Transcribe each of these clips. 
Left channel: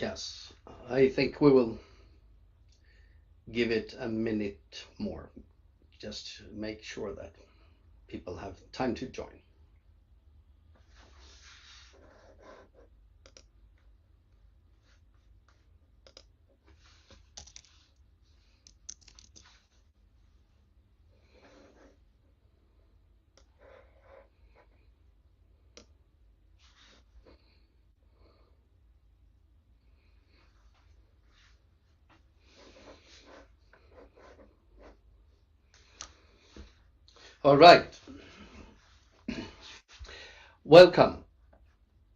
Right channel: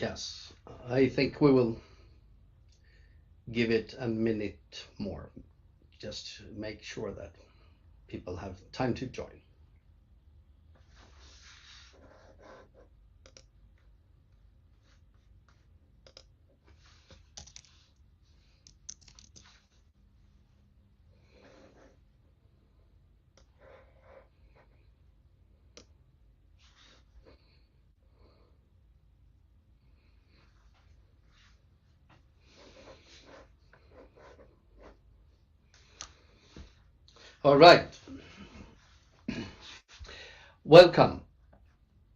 Yes, I think we will give it a minute more, just to make sure that people have time to join. All right. Welcome,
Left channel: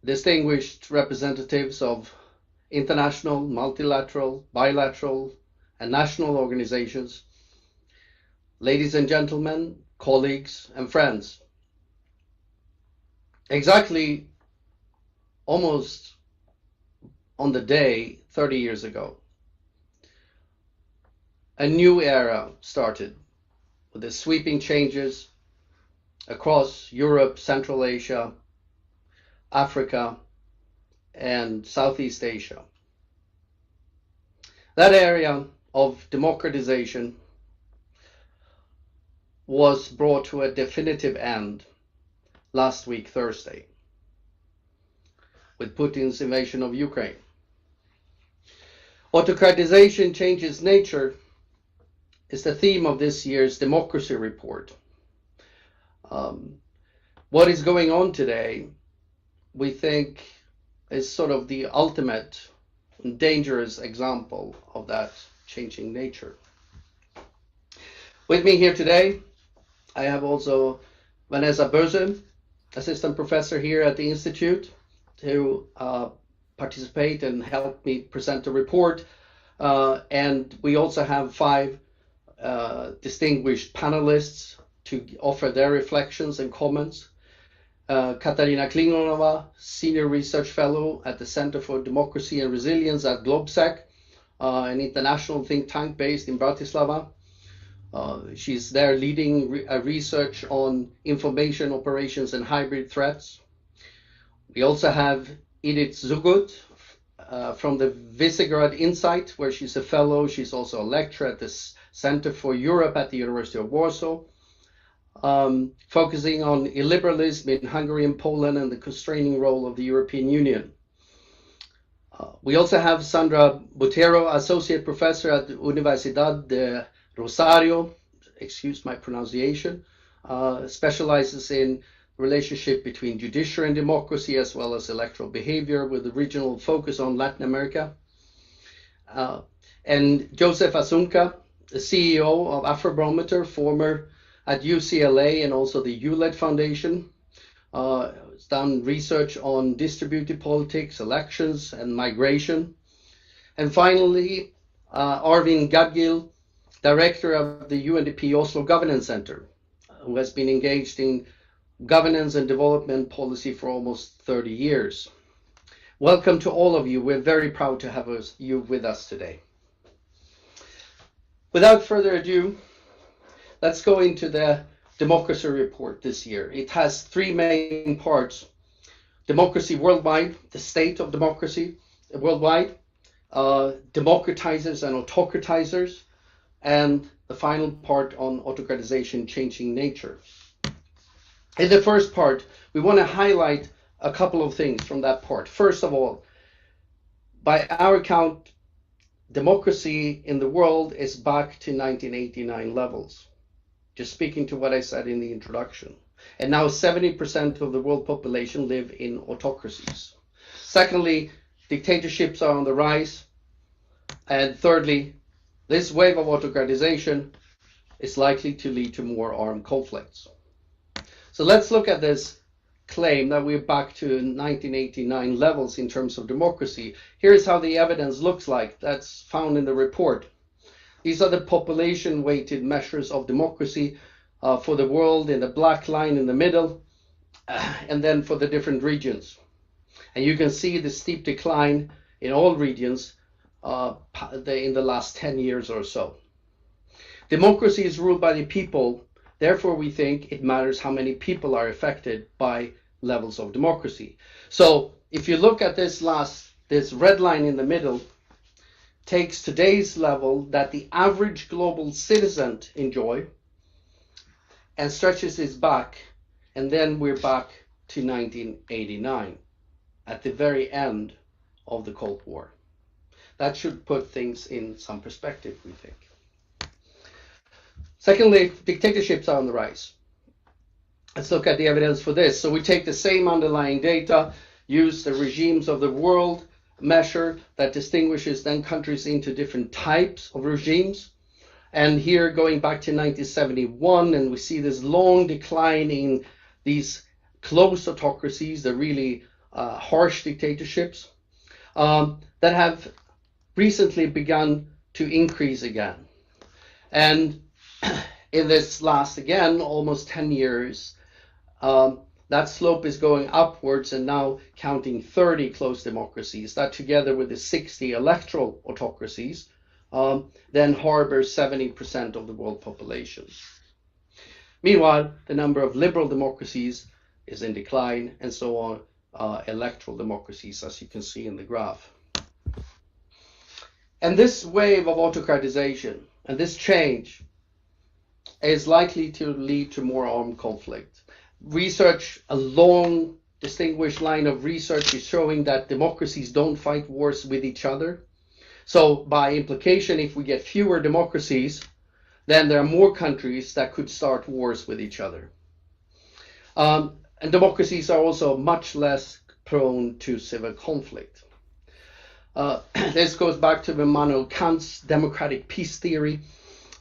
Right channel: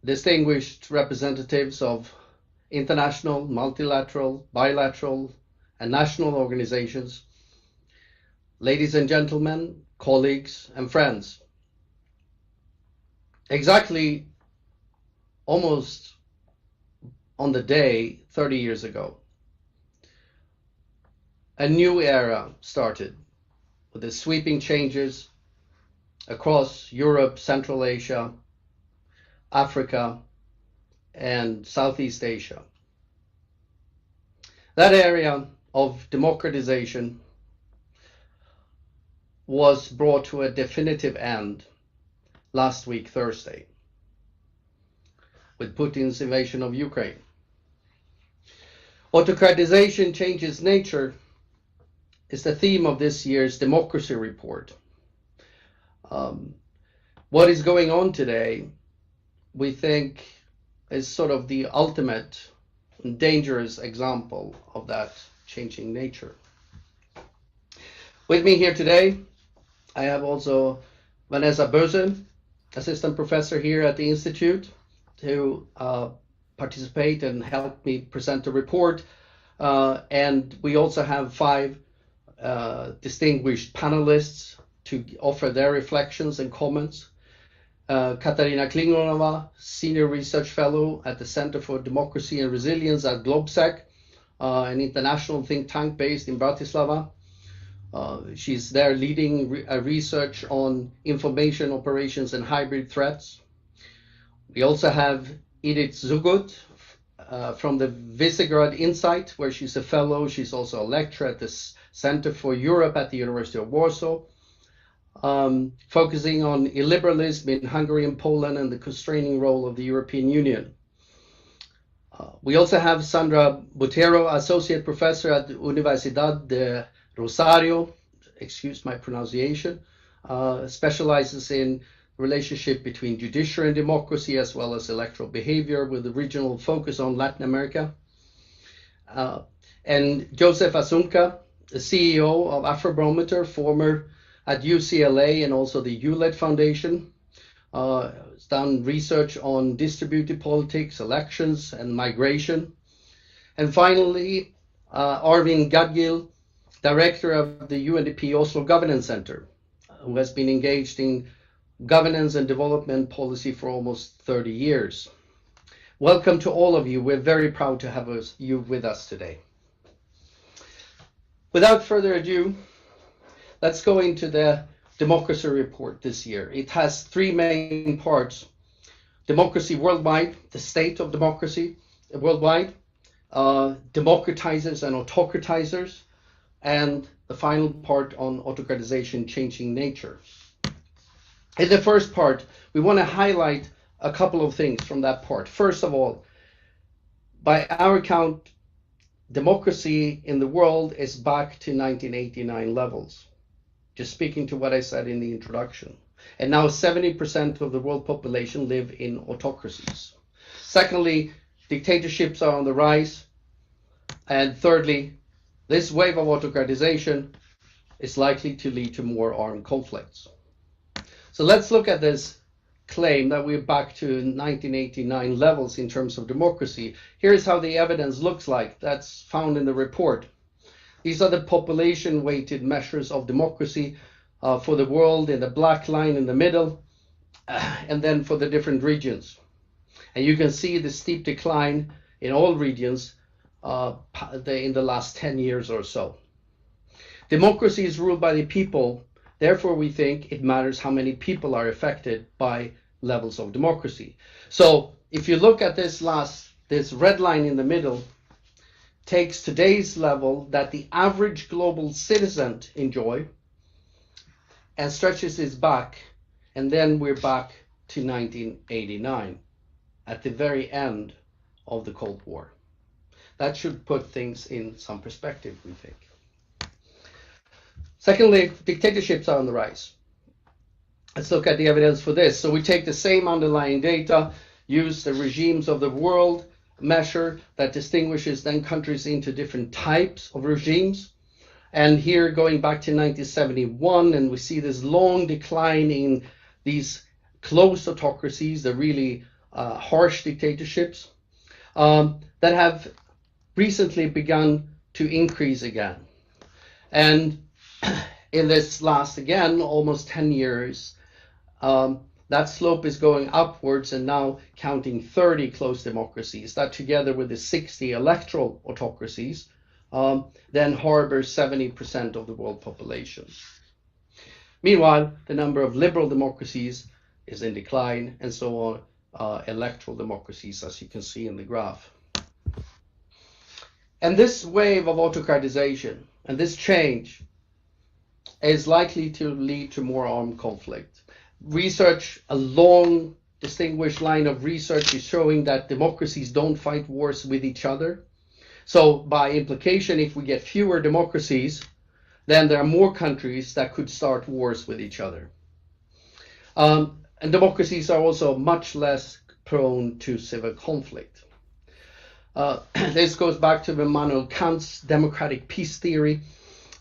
distinguished representatives of international, multilateral, bilateral, and national organizations, ladies and gentlemen, colleagues, and friends. Exactly almost on the day 30 years ago, a new era started with the sweeping changes across Europe, Central Asia, Africa, and Southeast Asia. That area of democratization was brought to a definitive end last week, Thursday, with Putin's invasion of Ukraine. Autocratization changes nature is the theme of this year's democracy report. What is going on today, we think, is sort of the ultimate dangerous example of that changing nature. With me here today, I have also Vanessa Böse, assistant professor here at the Institute, to participate and help me present the report. And we also have 5 distinguished panelists to offer their reflections and comments. Katarina Klingonova, Senior Research Fellow at the Center for Democracy and Resilience at Globsec, an international think tank based in Bratislava. She's there leading research on information operations and hybrid threats. We also have Edith Zugut from the Visegrad Insight, where she's a fellow. She's also a lecturer at the Center for Europe at the University of Warsaw, focusing on illiberalism in Hungary and Poland and the constraining role of the European Union. We also have Sandra Botero, Associate Professor at the Universidad de Rosario, excuse my pronunciation, specializes in relationship between judiciary and democracy as well as electoral behavior with a regional focus on Latin America. And Joseph Asunca, the CEO of Afrobarometer, former at UCLA and also the ULED Foundation. Has done research on distributed politics, elections, and migration. And finally, Arvin Gadgil, director of the UNDP Oslo Governance Center, who has been engaged in governance and development policy for almost 30 years. Welcome to all of you. We're very proud to have you with us today. Without further ado, let's go into the democracy report this year. It has 3 main parts: democracy worldwide, the state of democracy worldwide, democratizers and autocratizers, and the final part on autocratization changing nature. In the first part, we want to highlight a couple of things from that part. First of all, by our count, democracy in the world is back to 1989 levels. Just speaking to what I said in the introduction. And now 70% of the world population live in autocracies. Secondly, dictatorships are on the rise. And thirdly, this wave of autocratization is likely to lead to more armed conflicts. So let's look at this claim that we're back to 1989 levels in terms of democracy. Here's how the evidence looks like. That's found in the report. These are the population-weighted measures of democracy for the world in the black line in the middle, and then for the different regions. And you can see the steep decline in all regions in the last 10 years or so. Democracy is ruled by the people. Therefore, we think it matters how many people are affected by levels of democracy. So if you look at this last this red line in the middle, takes today's level that the average global citizen enjoy and stretches this back, and then we're back to 1989 at the very end of the Cold War. That should put things in some perspective, we think. Secondly, dictatorships are on the rise. Let's look at the evidence for this. So we take the same underlying data, use the regimes of the world measure that distinguishes then countries into different types of regimes. And here going back to 1971, and we see this long decline in these close autocracies, the really harsh dictatorships, that have recently begun to increase again. And in this last, again, almost 10 years, that slope is going upwards and now counting 30 close democracies. That together with the 60 electoral autocracies, then harbors 70% of the world population. Meanwhile, the number of liberal democracies is in decline, and so on electoral democracies, as you can see in the graph. And this wave of autocratization and this change is likely to lead to more armed conflict. Research, a long distinguished line of research, is showing that democracies don't fight wars with each other. So by implication, if we get fewer democracies, then there are more countries that could start wars with each other. And democracies are also much less prone to civil conflict. This goes back to Immanuel Kant's democratic peace theory,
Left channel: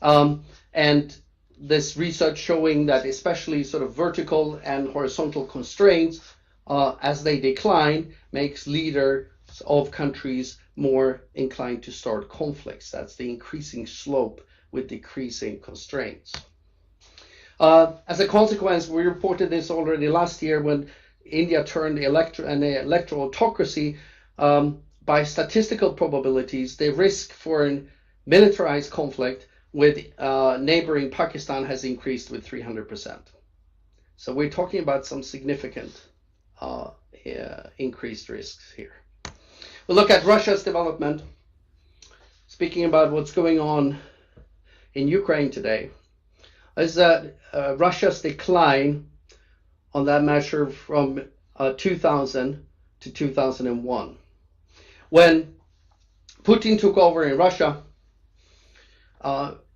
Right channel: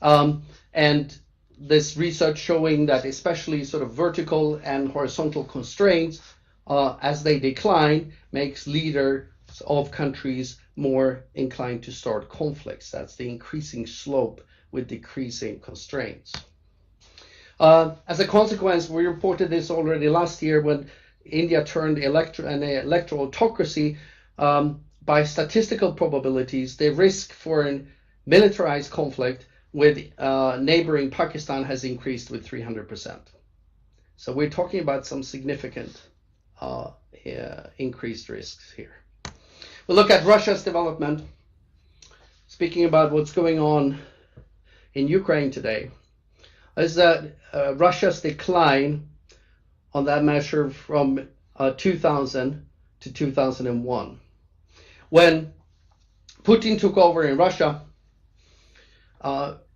and this research showing that especially sort of vertical and horizontal constraints, as they decline, makes leaders of countries more inclined to start conflicts. That's the increasing slope with decreasing constraints. As a consequence, we reported this already last year when India turned an electoral autocracy. By statistical probabilities, the risk for a militarized conflict with neighboring Pakistan has increased with 300%. So we're talking about some significant increased risks here. We'll look at Russia's development. Speaking about what's going on in Ukraine today, is that Russia's decline on that measure from 2000 to 2001. When Putin took over in Russia,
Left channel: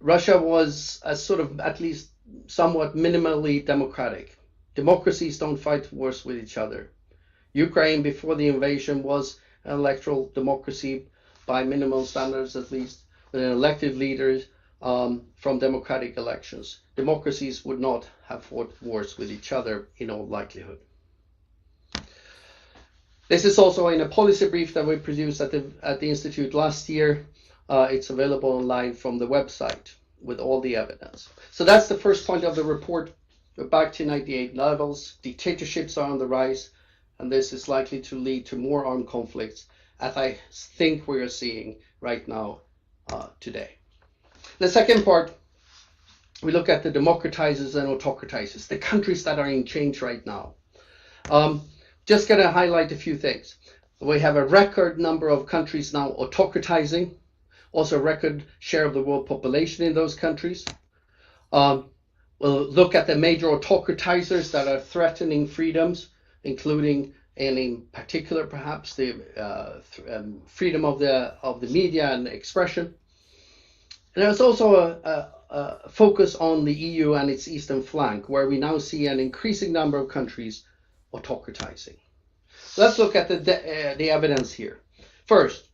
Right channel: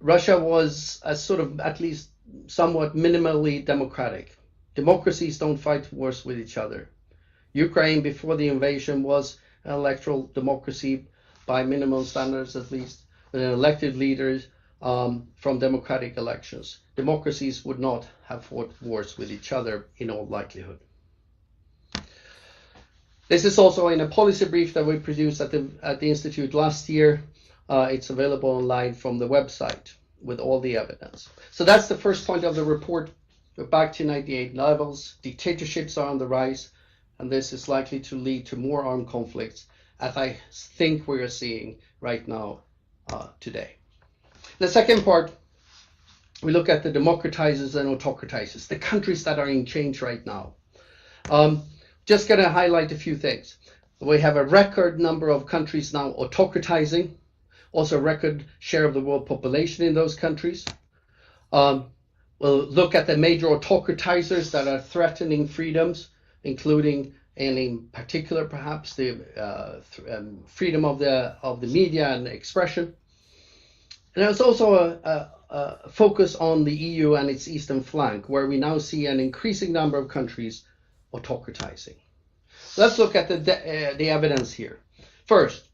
Russia was a sort of at least somewhat minimally democratic. Democracies don't fight wars with each other. Ukraine before the invasion was an electoral democracy by minimum standards at least, with elected leaders from democratic elections. Democracies would not have fought wars with each other in all likelihood. This is also in a policy brief that we produced at the Institute last year. It's available online from the website with all the evidence. So that's the first point of the report. We're back to 98 levels. Dictatorships are on the rise, and this is likely to lead to more armed conflicts, as I think we are seeing right now today. The second part, we look at the democratizers and autocratizers, the countries that are in change right now. Just going to highlight a few things. We have a record number of countries now autocratizing, also a record share of the world population in those countries. We'll look at the major autocratizers that are threatening freedoms, including, and in particular perhaps, the freedom of the media and expression. And there's also a focus on the EU and its eastern flank, where we now see an increasing number of countries autocratizing. Let's look at the evidence here. First,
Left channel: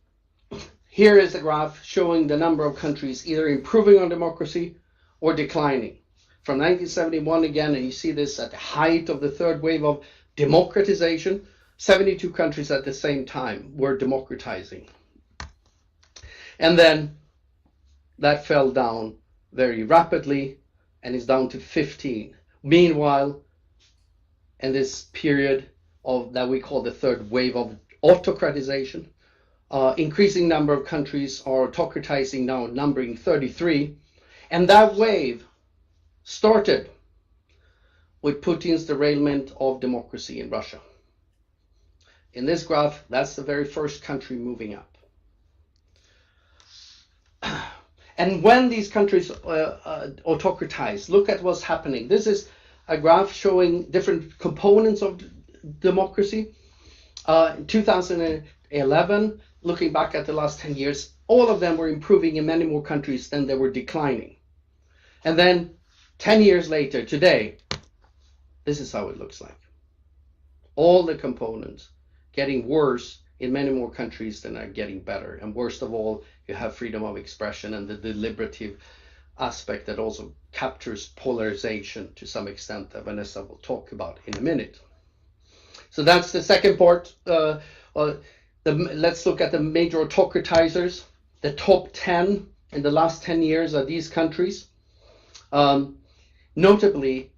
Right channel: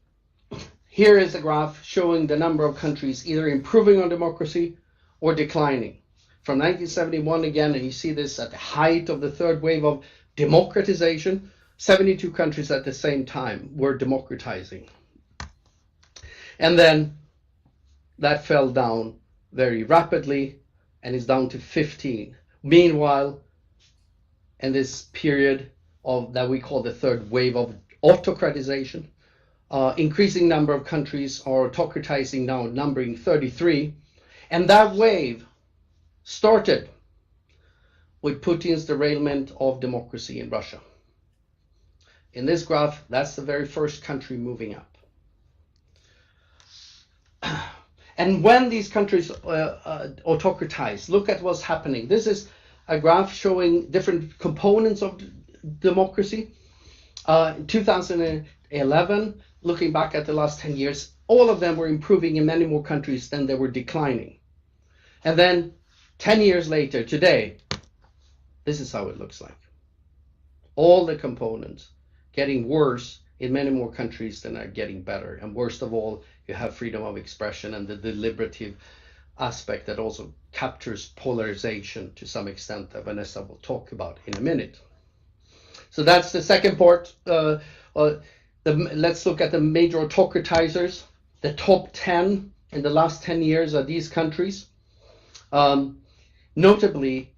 here is a graph showing the number of countries either improving on democracy or declining. From 1971 again, and you see this at the height of the third wave of democratization, 72 countries at the same time were democratizing. And then that fell down very rapidly and is down to 15. Meanwhile, in this period of that we call the third wave of autocratization, increasing number of countries are autocratizing now, numbering 33. And that wave started with Putin's derailment of democracy in Russia. In this graph, that's the very first country moving up. And when these countries autocratize, look at what's happening. This is a graph showing different components of democracy. In 2011, looking back at the last 10 years, all of them were improving in many more countries than they were declining. And then 10 years later, today, this is how it looks like. All the components getting worse in many more countries than are getting better. And worst of all, you have freedom of expression and the deliberative aspect that also captures polarization to some extent that Vanessa will talk about in a minute. So that's the second part. Let's look at the major autocratizers. The top 10 in the last 10 years are these countries. Notably,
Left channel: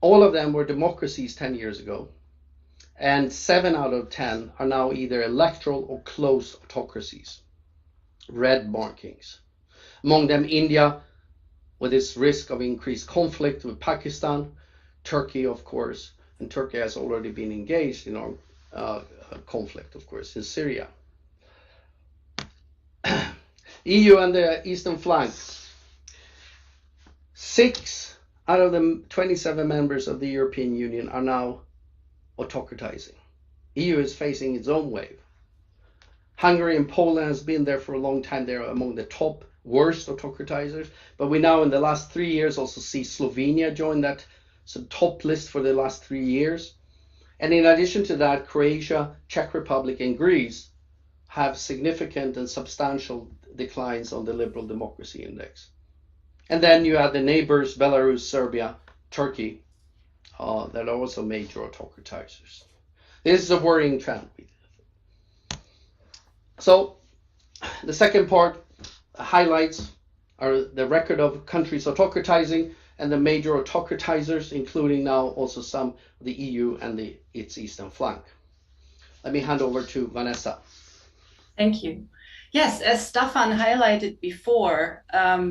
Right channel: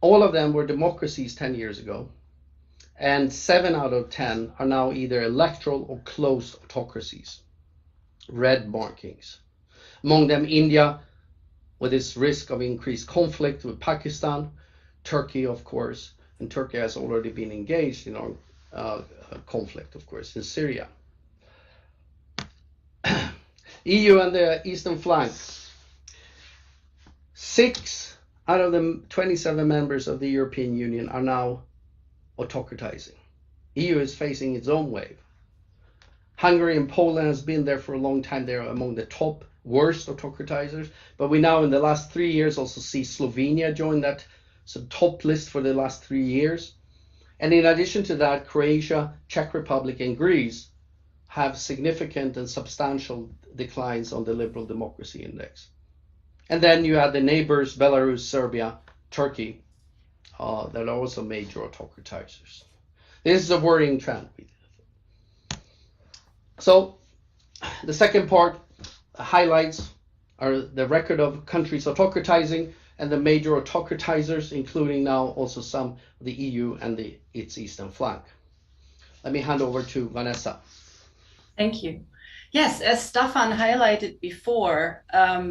all of them were democracies 10 years ago. And 7 out of 10 are now either electoral or close autocracies. Red markings. Among them, India, with its risk of increased conflict with Pakistan, Turkey, of course, and Turkey has already been engaged in our conflict, of course, in Syria. EU and the eastern flank. 6 out of the 27 members of the European Union are now autocratizing. EU is facing its own wave. Hungary and Poland has been there for a long time. They're among the top worst autocratizers. But we now in the last 3 years also see Slovenia join that top list for the last 3 years. And in addition to that, Croatia, Czech Republic, and Greece have significant and substantial declines on the liberal democracy index. And then you have the neighbors, Belarus, Serbia, Turkey, that are also major autocratizers. This is a worrying trend. So the second part highlights are the record of countries autocratizing and the major autocratizers, including now also some of the EU and its eastern flank. Let me hand over to Vanessa. Thank you. Yes, as Staffan highlighted before,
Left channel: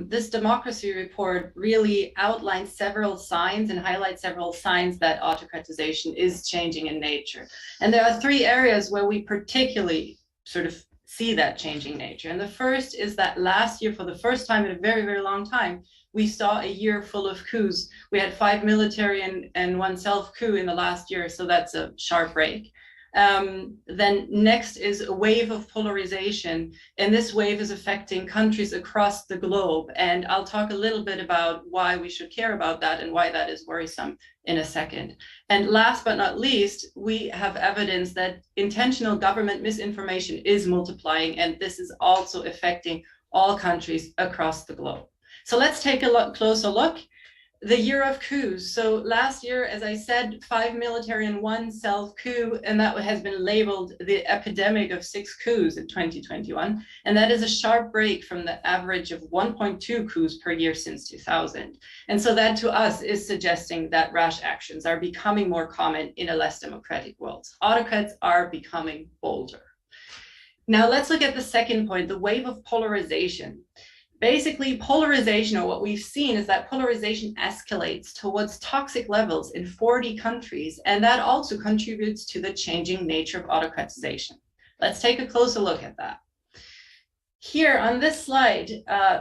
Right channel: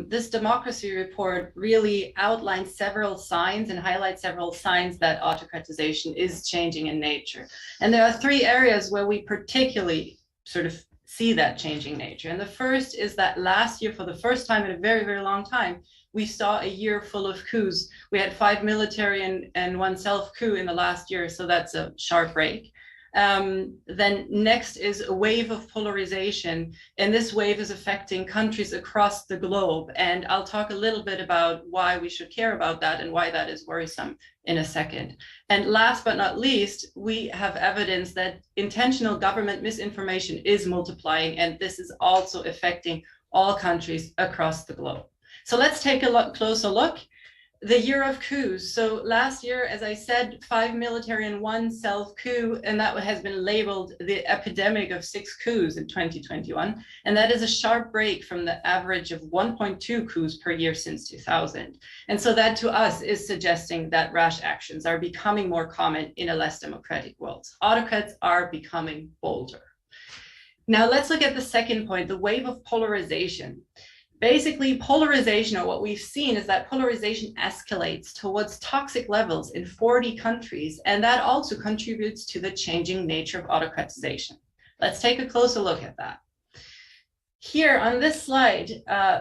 this democracy report really outlines several signs and highlights several signs that autocratization is changing in nature. And there are 3 areas where we particularly sort of see that changing nature. And the first is that last year, for the first time in a very, very long time, we saw a year full of coups. We had 5 military and 1 self-coup in the last year, so that's a sharp break. Then next is a wave of polarization, and this wave is affecting countries across the globe. And I'll talk a little bit about why we should care about that and why that is worrisome in a second. And last but not least, we have evidence that intentional government misinformation is multiplying, and this is also affecting all countries across the globe. So let's take a closer look. The year of coups. So last year, as I said, 5 military and 1 self-coup, and that has been labeled the epidemic of 6 coups in 2021. And that is a sharp break from the average of 1.2 coups per year since 2000. And so that to us is suggesting that rash actions are becoming more common in a less democratic world. Autocrats are becoming bolder. Now let's look at the second point, the wave of polarization. Basically, polarization, or what we've seen, is that polarization escalates towards toxic levels in 40 countries, and that also contributes to the changing nature of autocratization. Let's take a closer look at that. Here on this slide,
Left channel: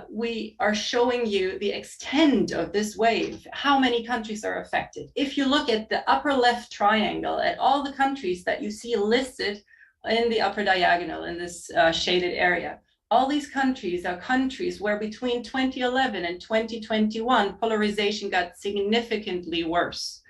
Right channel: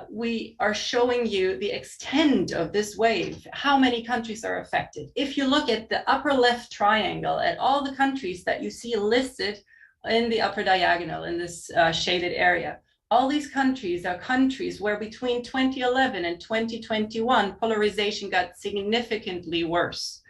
we are showing you the extent of this wave, how many countries are affected. If you look at the upper left triangle, at all the countries that you see listed in the upper diagonal in this shaded area, all these countries are countries where between 2011 and 2021, polarization got significantly worse.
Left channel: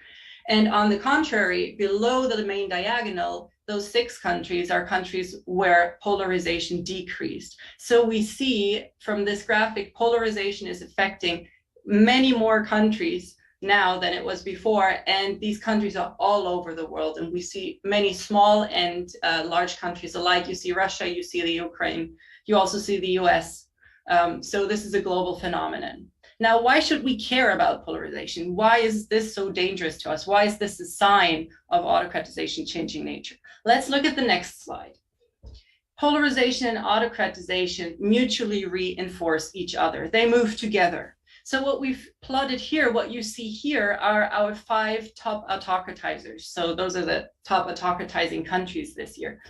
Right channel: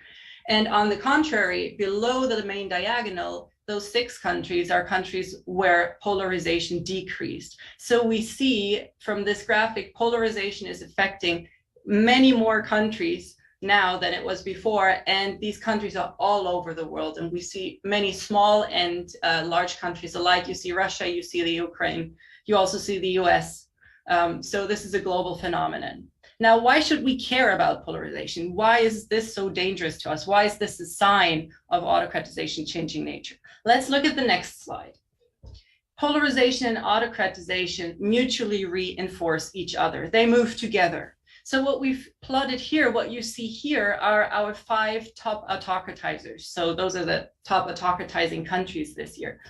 And on the contrary, below the main diagonal, those 6 countries are countries where polarization decreased. So we see from this graphic, polarization is affecting many more countries now than it was before. And these countries are all over the world. And we see many small and large countries alike. You see Russia, you see the Ukraine. You also see the US. So this is a global phenomenon. Now, why should we care about polarization? Why is this so dangerous to us? Why is this a sign of autocratization changing nature? Let's look at the next slide. Polarization and autocratization mutually reinforce each other. They move together. So what we've plotted here, what you see here are our 5 top autocratizers. So those are the top autocratizing countries this year.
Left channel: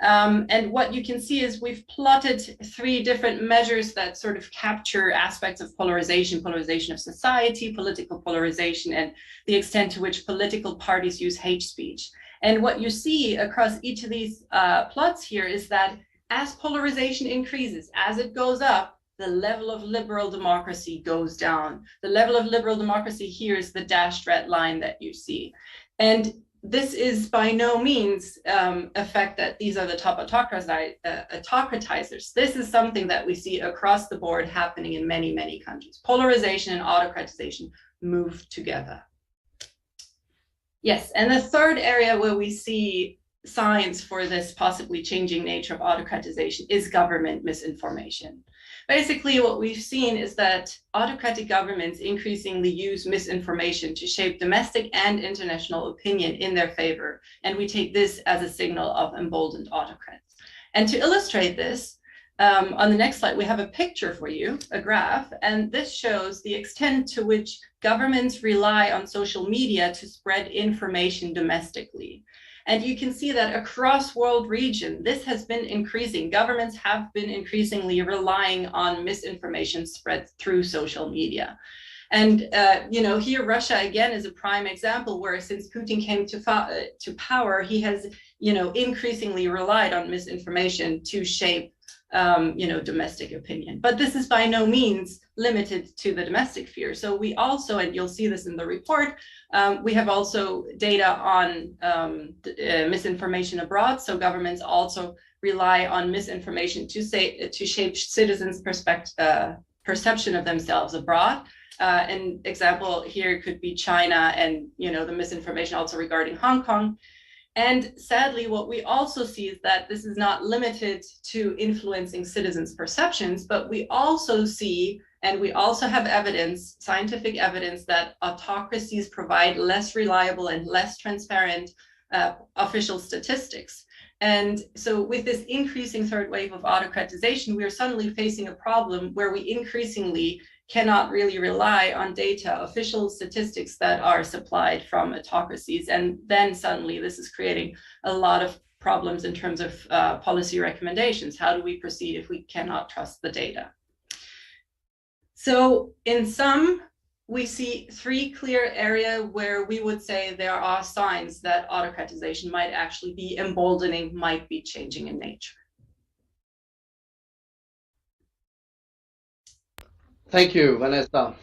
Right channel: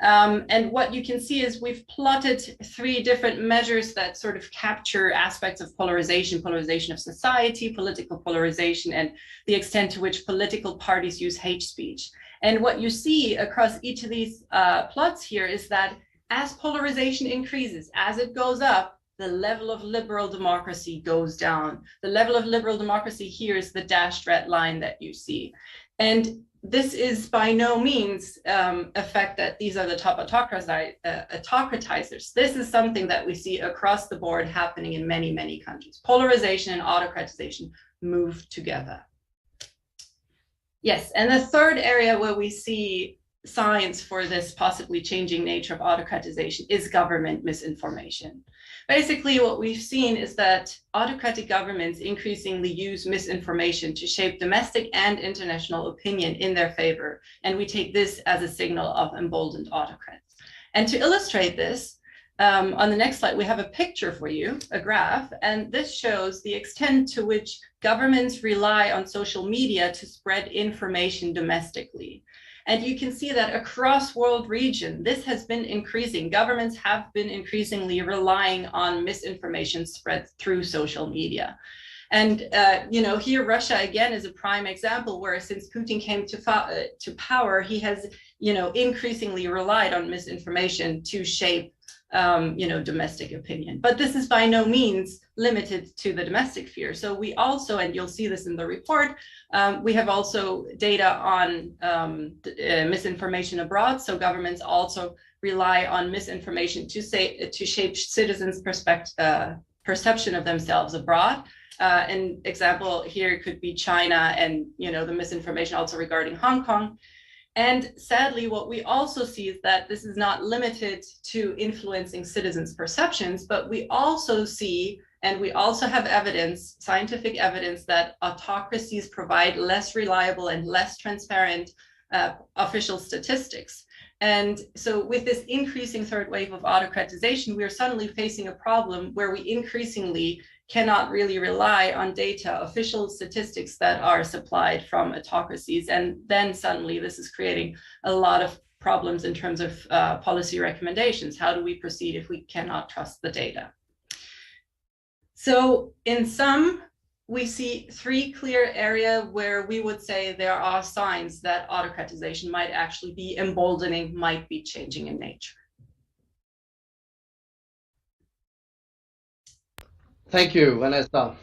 And what you can see is we've plotted 3 different measures that sort of capture aspects of polarization, polarization of society, political polarization, and the extent to which political parties use hate speech. And what you see across each of these plots here is that as polarization increases, as it goes up, the level of liberal democracy goes down. The level of liberal democracy here is the dashed red line that you see. And this is by no means a fact that these are the top autocratizers. This is something that we see across the board happening in many, many countries. Polarization and autocratization move together. Yes, and the third area where we see signs for this possibly changing nature of autocratization is government misinformation. Basically, what we've seen is that autocratic governments increasingly use misinformation to shape domestic and international opinion in their favor, and we take this as a signal of emboldened autocrats. And to illustrate this, on the next slide, we have a picture for you, a graph, and this shows the extent to which governments rely on social media to spread information domestically. And you can see that across world region, this has been increasing. Governments have been increasingly relying on misinformation spread through social media. And here Russia again is a prime example where since Putin came to power, he has increasingly relied on misinformation to shape domestic opinion. But this is by no means limited to the domestic sphere. So we also, and you'll see this in the report, we have also data on misinformation abroad. So governments also rely on misinformation to shape citizens' perception of themselves abroad. An example here could be China and the misinformation also regarding Hong Kong. And sadly, what we also see is that this is not limited to influencing citizens' perceptions, but we also see, and we also have evidence, scientific evidence, that autocracies provide less reliable and less transparent official statistics. And so with this increasing third wave of autocratization, we are suddenly facing a problem where we increasingly cannot really rely on data, official statistics that are supplied from autocracies. And then suddenly this is creating a lot of problems in terms of policy recommendations. How do we proceed if we cannot trust the data? So in sum, we see 3 clear areas where we would say there are signs that autocratization might actually be emboldening, might be changing in nature. Thank you, Vanessa.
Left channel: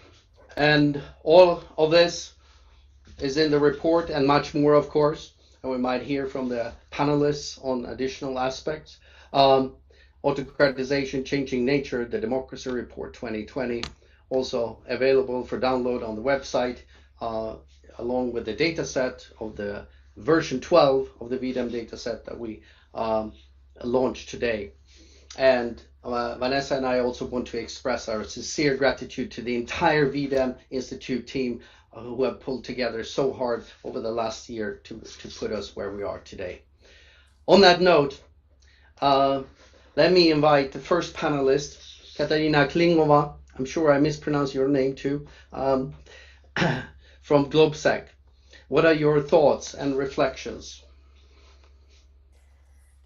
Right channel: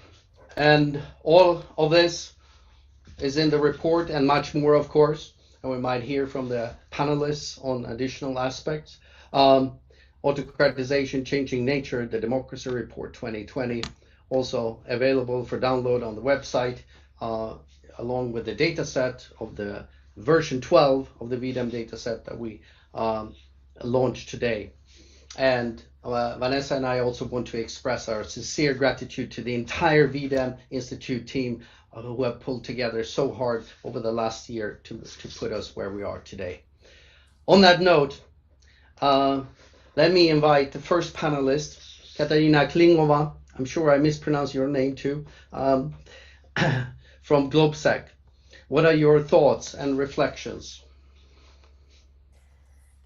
And all of this is in the report and much more, of course. And we might hear from the panelists on additional aspects. Autocratization, Changing Nature, the Democracy Report 2020, also available for download on the website, along with the data set of the version 12 of the V-Dem dataset that we launched today. And Vanessa and I also want to express our sincere gratitude to the entire V-Dem Institute team who have pulled together so hard over the last year to put us where we are today. On that note, let me invite the first panelist, Katarina Klingova. I'm sure I mispronounced your name too, from GlobeSec. What are your thoughts and reflections?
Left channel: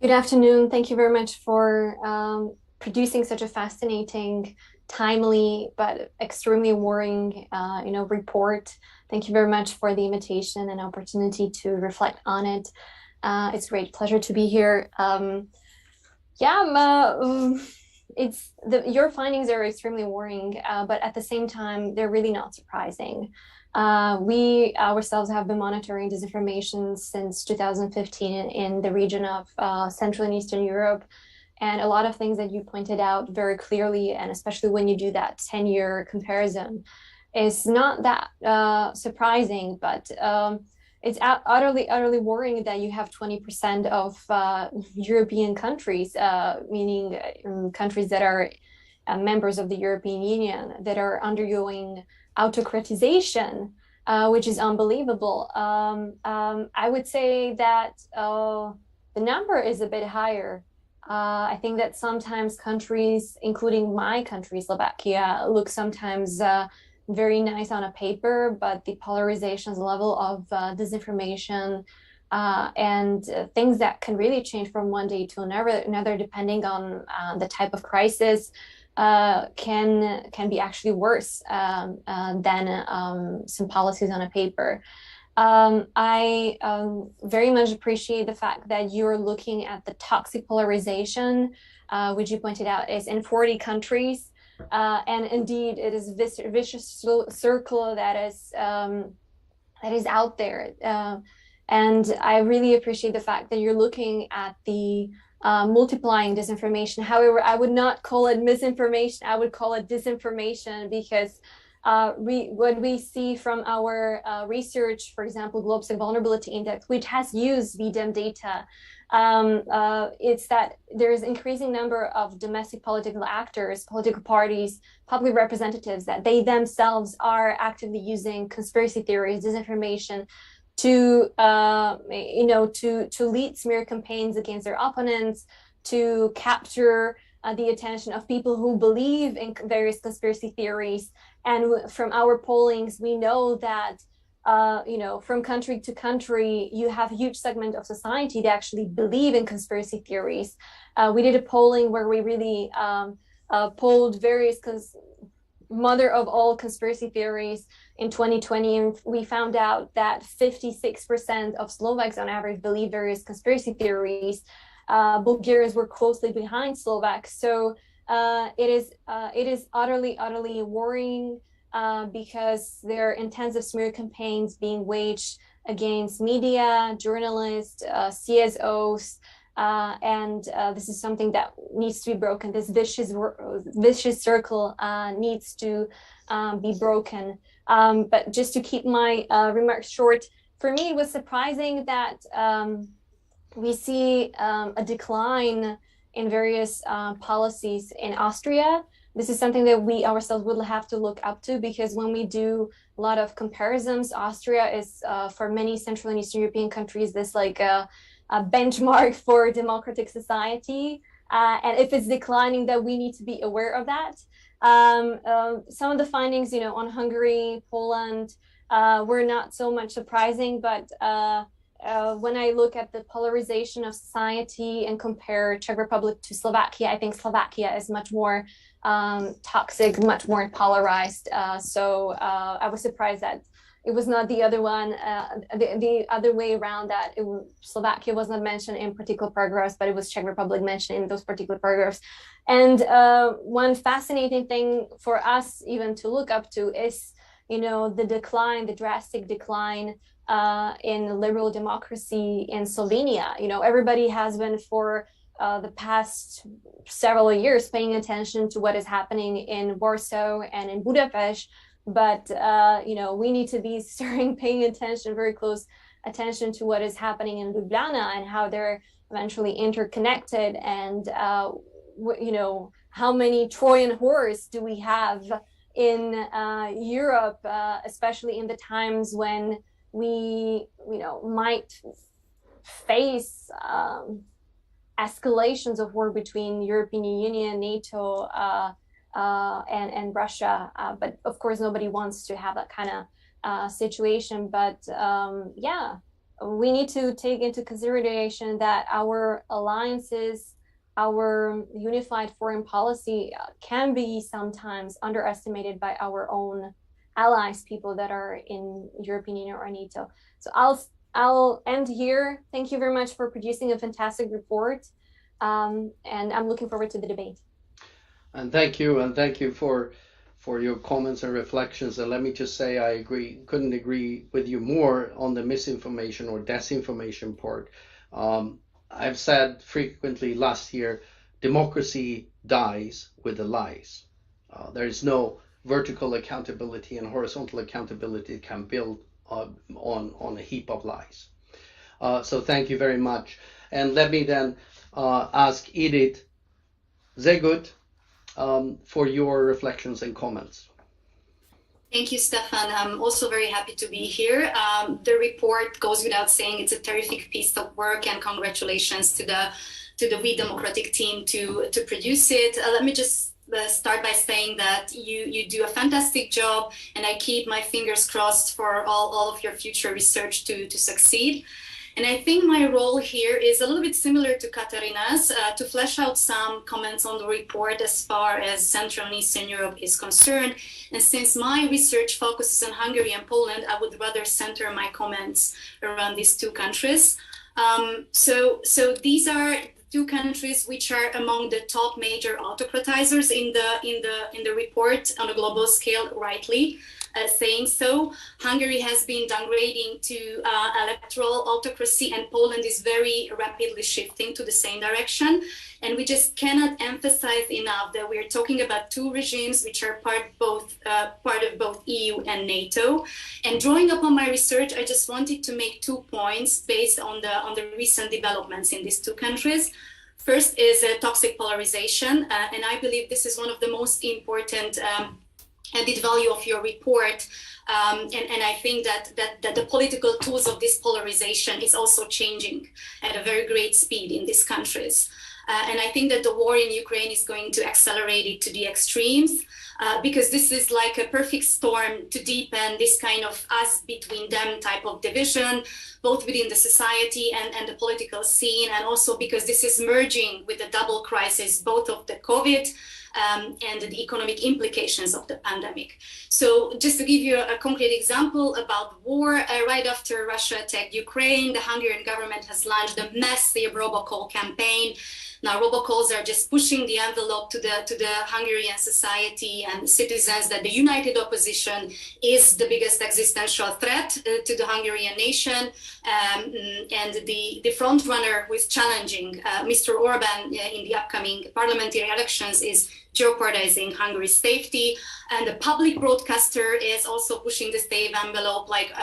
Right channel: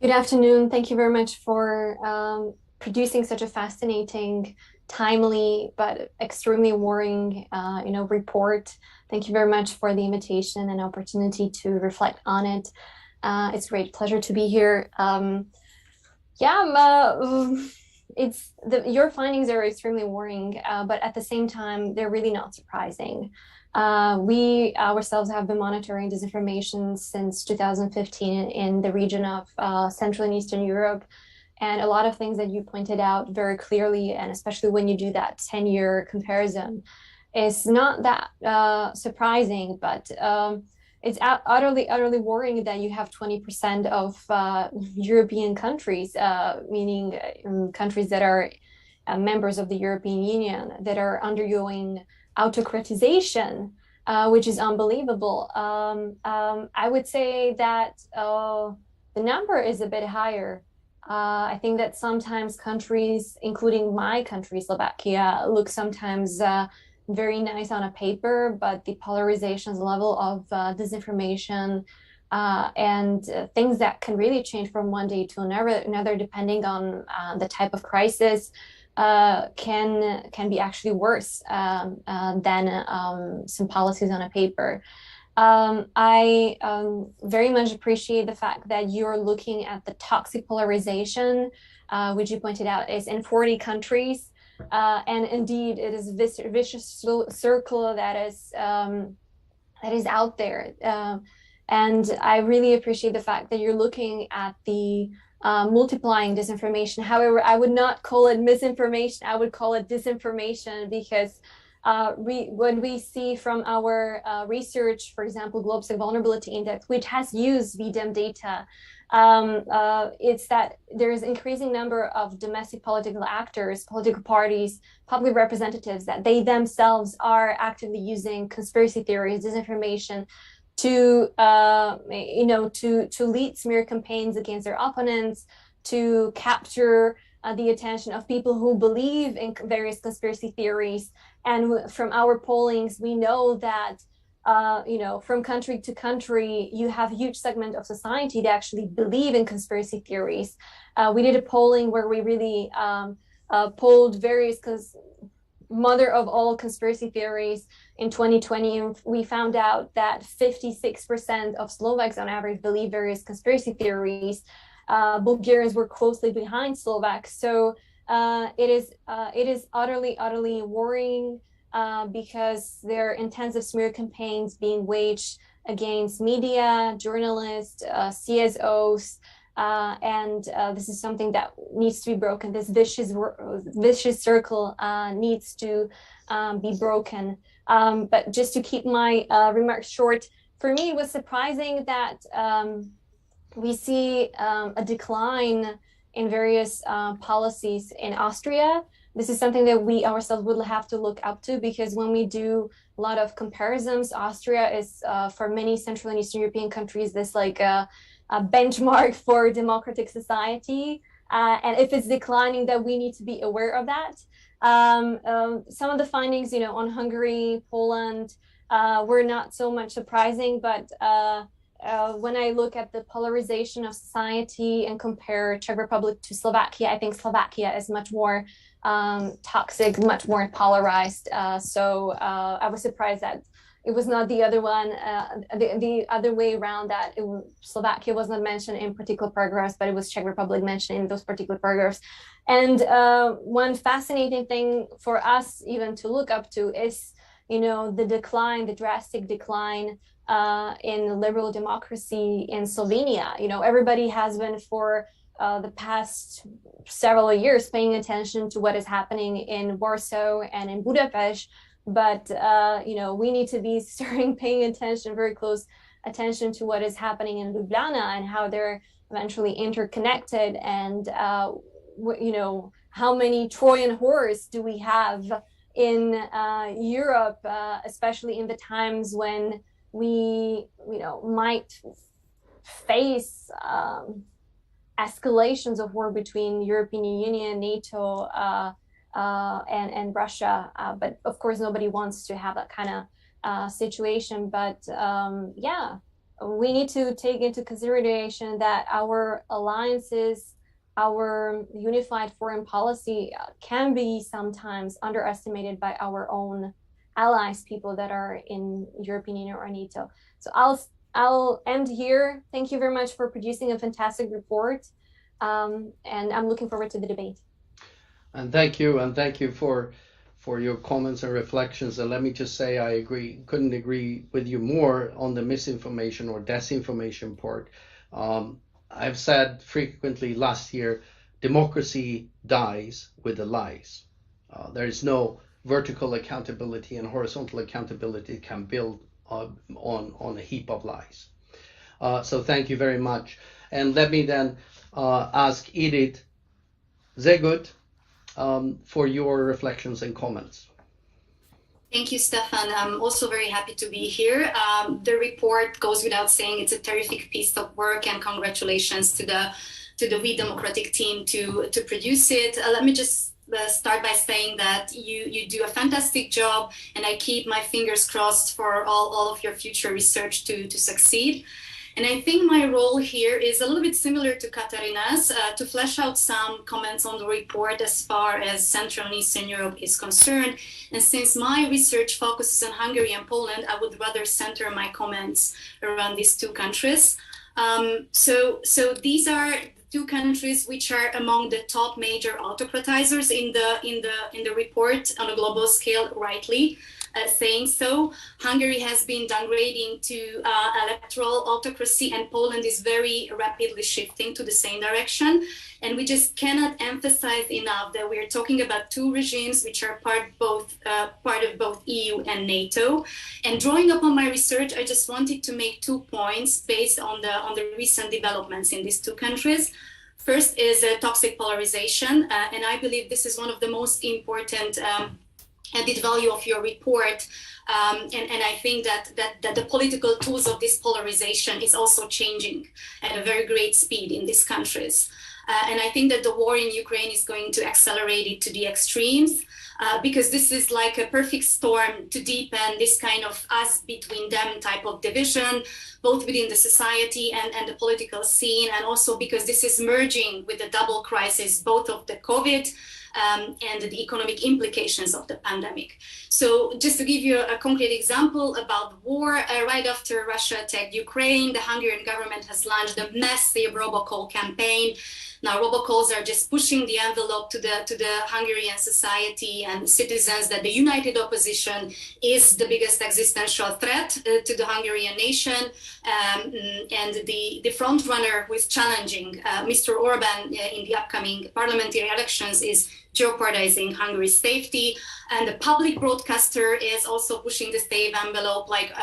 Good afternoon. Thank you very much for producing such a fascinating, timely, but extremely worrying, report. Thank you very much for the invitation and opportunity to reflect on it. It's a great pleasure to be here. Your findings are extremely worrying, but at the same time, they're really not surprising. We ourselves have been monitoring disinformation since 2015 in the region of Central and Eastern Europe. And a lot of things that you pointed out very clearly, and especially when you do that 10-year comparison, is not that surprising, but it's utterly worrying that you have 20% of European countries, meaning countries that are members of the European Union, that are undergoing autocratization, which is unbelievable. I would say that the number is a bit higher. I think that sometimes countries, including my country, Slovakia, look sometimes very nice on a paper, but the polarization's level of disinformation and things that can really change from one day to another depending on the type of crisis can be actually worse than some policies on a paper. I very much appreciate the fact that you're looking at the toxic polarization, which you pointed out is in 40 countries. And indeed, it is a vicious circle that is out there. And I really appreciate the fact that you're looking at the multiplying disinformation. However, I would not call it misinformation. I would call it disinformation, because what we see from our research, for example, GlobeSec Vulnerability Index, which has used V-Dem data, it's that there's increasing number of domestic political actors, political parties, public representatives, that they themselves are actively using conspiracy theories, disinformation, to to lead smear campaigns against their opponents, to capture the attention of people who believe in various conspiracy theories. And from our pollings, we know that from country to country, you have a huge segment of society that actually believe in conspiracy theories. We did a polling where we really polled various mother of all conspiracy theories in 2020, and we found out that 56% of Slovaks on average believe various conspiracy theories. Bulgarians were closely behind Slovaks. So it is utterly worrying because there are intensive smear campaigns being waged against media, journalists, CSOs, and this is something that needs to be broken. This vicious circle needs to be broken. But just to keep my remarks short, for me, it was surprising that we see a decline in various policies in Austria. This is something that we ourselves will have to look up to, because when we do a lot of comparisons, Austria is for many Central and Eastern European countries this like a benchmark for democratic society. And if it's declining, then we need to be aware of that. Some of the findings, on Hungary, Poland, were not so much surprising, but when I look at the polarization of society and compare Czech Republic to Slovakia, I think Slovakia is much more toxic, much more polarized. So I was surprised that it was not the other one, the other way around, that Slovakia was not mentioned in particular paragraphs, but it was Czech Republic mentioned in those particular paragraphs. And one fascinating thing for us even to look up to is, the decline, the drastic decline in liberal democracy in Slovenia. Everybody has been for the past several years paying attention to what is happening in Warsaw and in Budapest, but we need to be paying attention, very close attention, to what is happening in Ljubljana and how they're eventually interconnected, and how many Trojan horse do we have in Europe, especially in the times when we might face escalations of war between European Union, NATO, and Russia. But of course, nobody wants to have that kind of situation. But we need to take into consideration that our alliances, our unified foreign policy can be sometimes underestimated by our own allies, people that are in European Union or NATO. So I'll end here. Thank you very much for producing a fantastic report, and I'm looking forward to the debate. And thank you for your comments and reflections. And let me just say, I couldn't agree with you more on the misinformation or disinformation part. I've said frequently last year, democracy dies with the lies. There is no vertical accountability, and horizontal accountability can build on a heap of lies. So thank you very much. And let me then ask Edith Zegut for your reflections and comments. Thank you, Stefan. I'm also very happy to be here. The report goes without saying, it's a terrific piece of work, and congratulations to the We Democratic team to produce it. Let me just start by saying that you do a fantastic job, and I keep my fingers crossed for all of your future research to succeed. And I think my role here is a little bit similar to Katarina's, to flesh out some comments on the report as far as Central and Eastern Europe is concerned. And since my research focuses on Hungary and Poland, I would rather center my comments around these two countries. So these are two countries which are among the top major autocratizers in the report on a global scale, rightly saying so. Hungary has been downgrading to electoral autocracy, and Poland is very rapidly shifting to the same direction. And we just cannot emphasize enough that we are talking about two regimes which are part of both EU and NATO. And drawing upon my research, I just wanted to make 2 points based on the recent developments in these two countries. First is toxic polarization, and I believe this is one of the most important added value of your report. And I think that the political tools of this polarization is also changing at a very great speed in these countries. And I think that the war in Ukraine is going to accelerate it to the extremes, because this is like a perfect storm to deepen this kind of us between them type of division, both within the society and the political scene, and also because this is merging with the double crisis, both of the COVID and the economic implications of the pandemic. So just to give you a concrete example about war, right after Russia attacked Ukraine, the Hungarian government has launched a massive robocall campaign. Now, robocalls are just pushing the envelope to the Hungarian society and citizens that the united opposition is the biggest existential threat to the Hungarian nation. And the front runner who is challenging Mr. Orban in the upcoming parliamentary elections is jeopardizing Hungary's safety. And the public broadcaster is also pushing the same envelope, like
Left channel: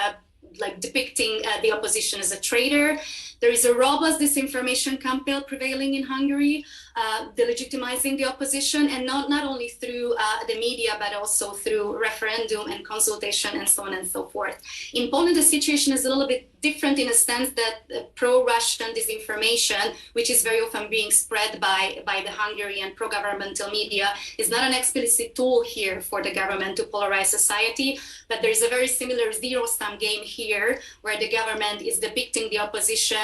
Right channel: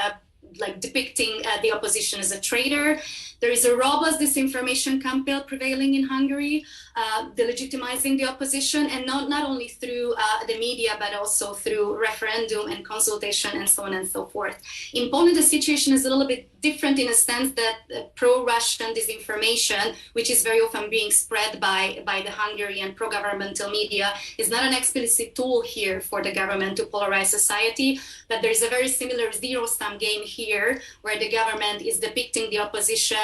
depicting the opposition as a traitor. There is a robust disinformation campaign prevailing in Hungary, delegitimizing the opposition, and not only through the media, but also through referendum and consultation and so on and so forth. In Poland, the situation is a little bit different in a sense that pro-Russian disinformation, which is very often being spread by the Hungarian pro-governmental media, is not an explicit tool here for the government to polarize society, but there is a very similar zero-sum game here, where the government is depicting the opposition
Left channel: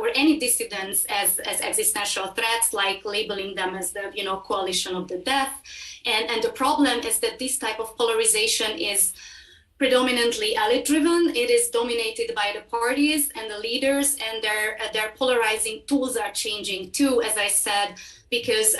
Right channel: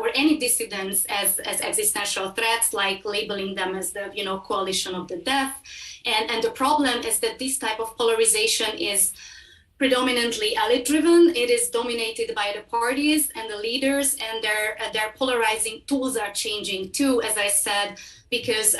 or any dissidents as existential threats, like labeling them as the coalition of the death. And the problem is that this type of polarization is predominantly elite-driven. It is dominated by the parties and the leaders, and their polarizing tools are changing too, as I said, because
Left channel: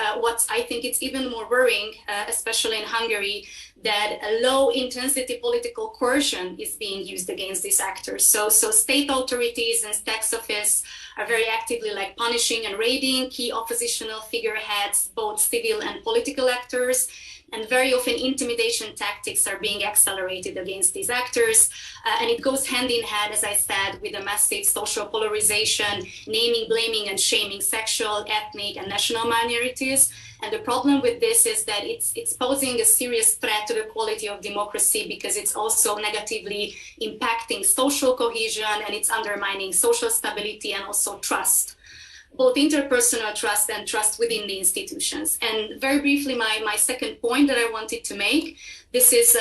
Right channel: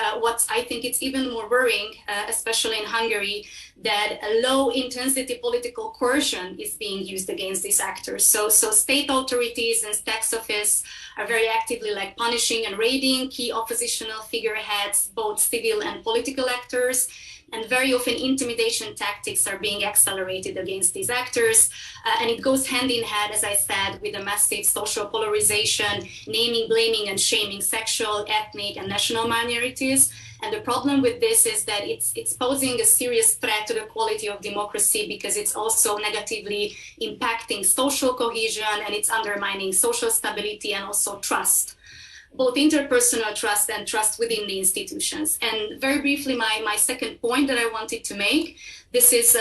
I think it's even more worrying, especially in Hungary, that a low-intensity political coercion is being used against these actors. So state authorities and tax office are very actively punishing and raiding key oppositional figureheads, both civil and political actors. And very often intimidation tactics are being accelerated against these actors. And it goes hand in hand, as I said, with a massive social polarization, naming, blaming, and shaming sexual, ethnic, and national minorities. And the problem with this is that it's posing a serious threat to the quality of democracy, because it's also negatively impacting social cohesion, and it's undermining social stability and also trust, both interpersonal trust and trust within the institutions. And very briefly, my second point that I wanted to make, this is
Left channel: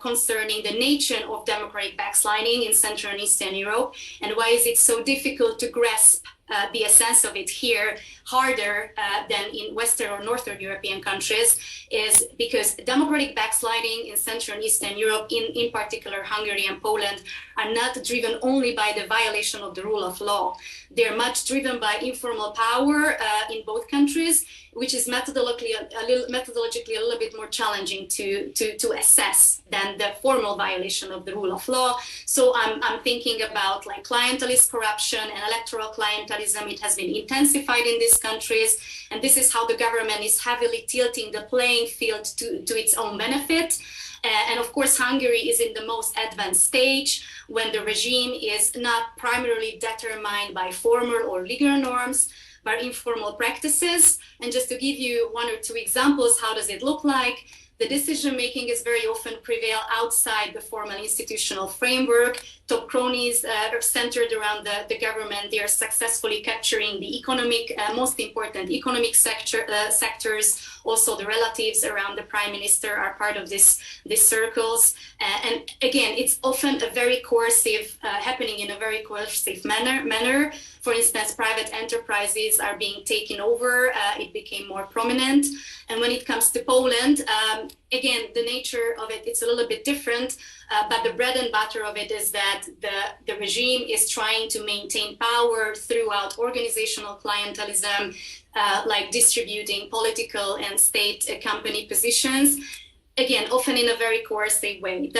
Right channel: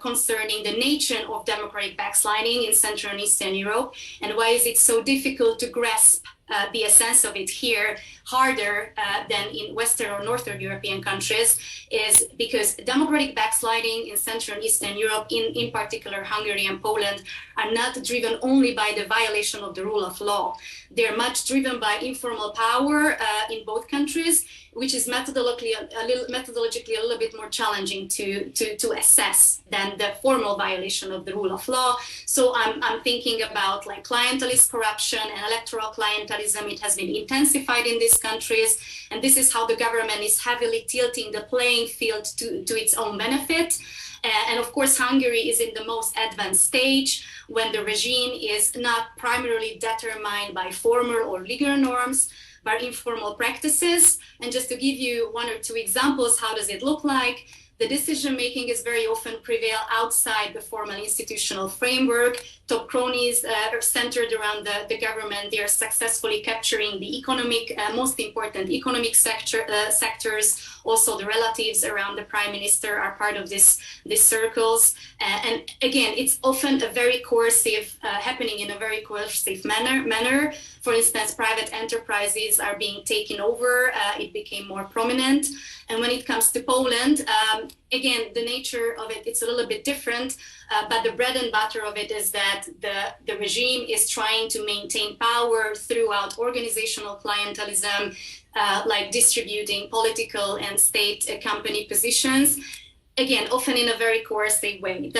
concerning the nature of democratic backsliding in Central and Eastern Europe, and why is it so difficult to grasp the essence of it here harder than in Western or Northern European countries, is because democratic backsliding in Central and Eastern Europe, in particular Hungary and Poland, are not driven only by the violation of the rule of law. They're much driven by informal power in both countries, which is methodologically a little bit more challenging to assess than the formal violation of the rule of law. So I'm thinking about clientelist corruption and electoral clientelism. It has been intensified in these countries, and this is how the government is heavily tilting the playing field to its own benefit. And of course, Hungary is in the most advanced stage, when the regime is not primarily determined by formal or legal norms, but informal practices. And just to give you one or two examples, how does it look like? the decision making is very often prevail outside the formal institutional framework. Top cronies are centered around the government. They are successfully capturing the economic, most important economic sectors. Also, the relatives around the prime minister are part of these circles. And again, it's often a very coercive, happening in a very coercive manner. For instance, private enterprises are being taken over. It became more prominent. And when it comes to Poland, again, the nature of it, it's a little bit different, but the bread and butter of it is that the regime is trying to maintain power throughout organizational clientelism, like distributing political and state company positions. Again, often in a very coercive way.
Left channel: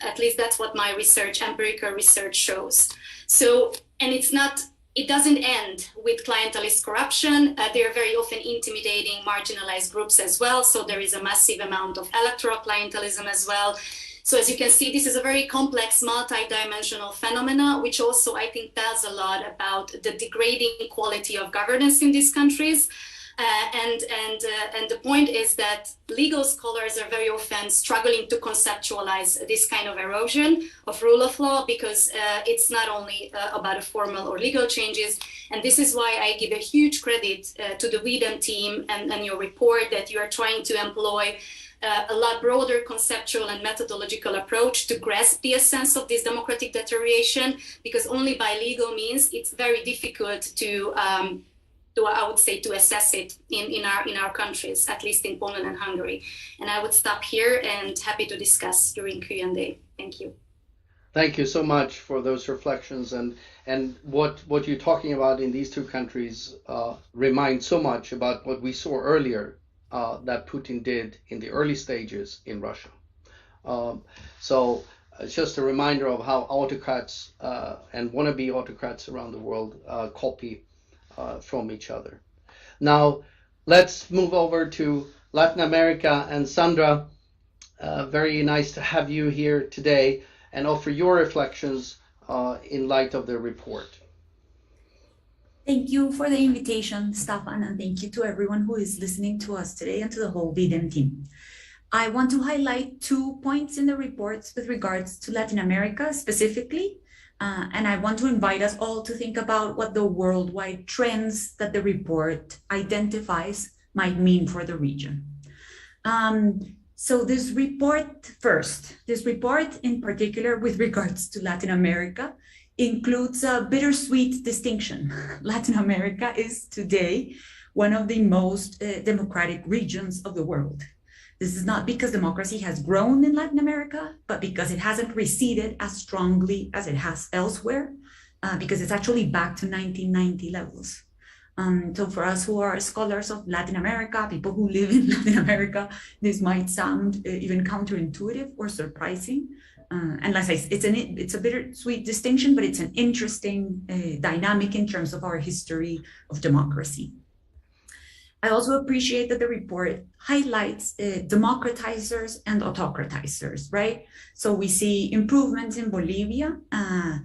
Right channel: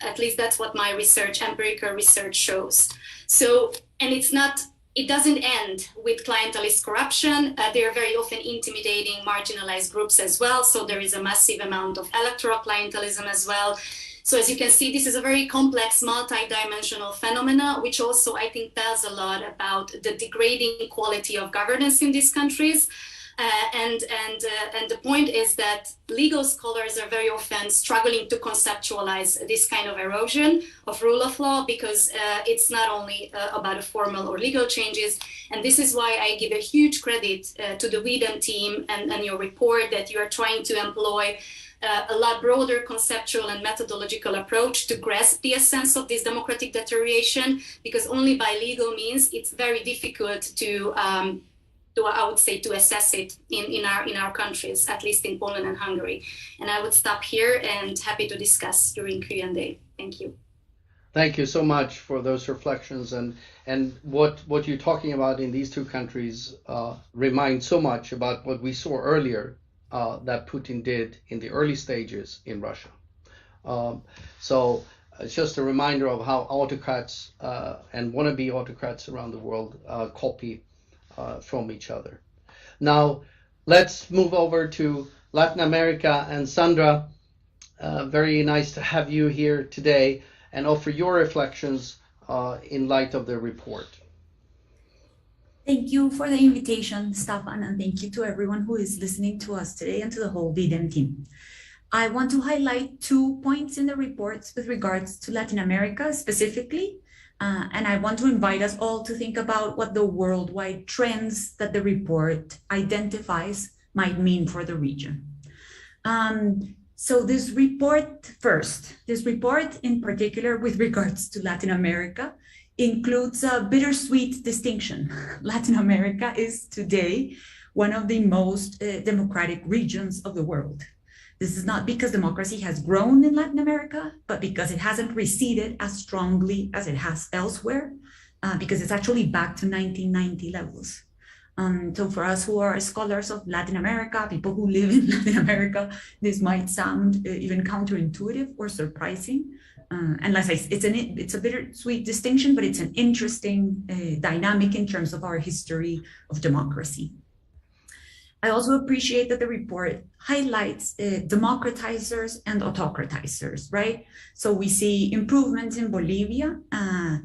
At least that's what my research, empirical research shows. So, and it doesn't end with clientelist corruption. They are very often intimidating marginalized groups as well. So there is a massive amount of electoral clientelism as well. So as you can see, this is a very complex, multi-dimensional phenomena, which also I think tells a lot about the degrading quality of governance in these countries. And the point is that legal scholars are very often struggling to conceptualize this kind of erosion of rule of law, because it's not only about a formal or legal changes. And this is why I give a huge credit to the V-Dem team and your report, that you are trying to employ a lot broader conceptual and methodological approach to grasp the essence of this democratic deterioration, because only by legal means it's very difficult to I would say, to assess it in our countries, at least in Poland and Hungary. And I would stop here and happy to discuss during Q&A. Thank you. Thank you so much for those reflections, and what you're talking about in these two countries reminds so much about what we saw earlier that Putin did in the early stages in Russia. So it's just a reminder of how autocrats and wannabe autocrats around the world copy from each other. Now, let's move over to Latin America. And Sandra, very nice to have you here today and offer your reflections in light of the report. Thank you for the invitation, Stefan, and thank you to everyone who is listening to us today and to the whole V-Dem team. I want to highlight 2 points in the report with regards to Latin America specifically. And I want to invite us all to think about what the worldwide trends that the report identifies might mean for the region. So this report in particular with regards to Latin America includes a bittersweet distinction. Latin America is today one of the most democratic regions of the world. This is not because democracy has grown in Latin America, but because it hasn't receded as strongly as it has elsewhere, because it's actually back to 1990 levels. So for us who are scholars of Latin America, people who live in Latin America, this might sound even counterintuitive or surprising. And like I say, it's a bittersweet distinction, but it's an interesting dynamic in terms of our history of democracy. I also appreciate that the report highlights democratizers and autocratizers, right? So we see improvements in Bolivia,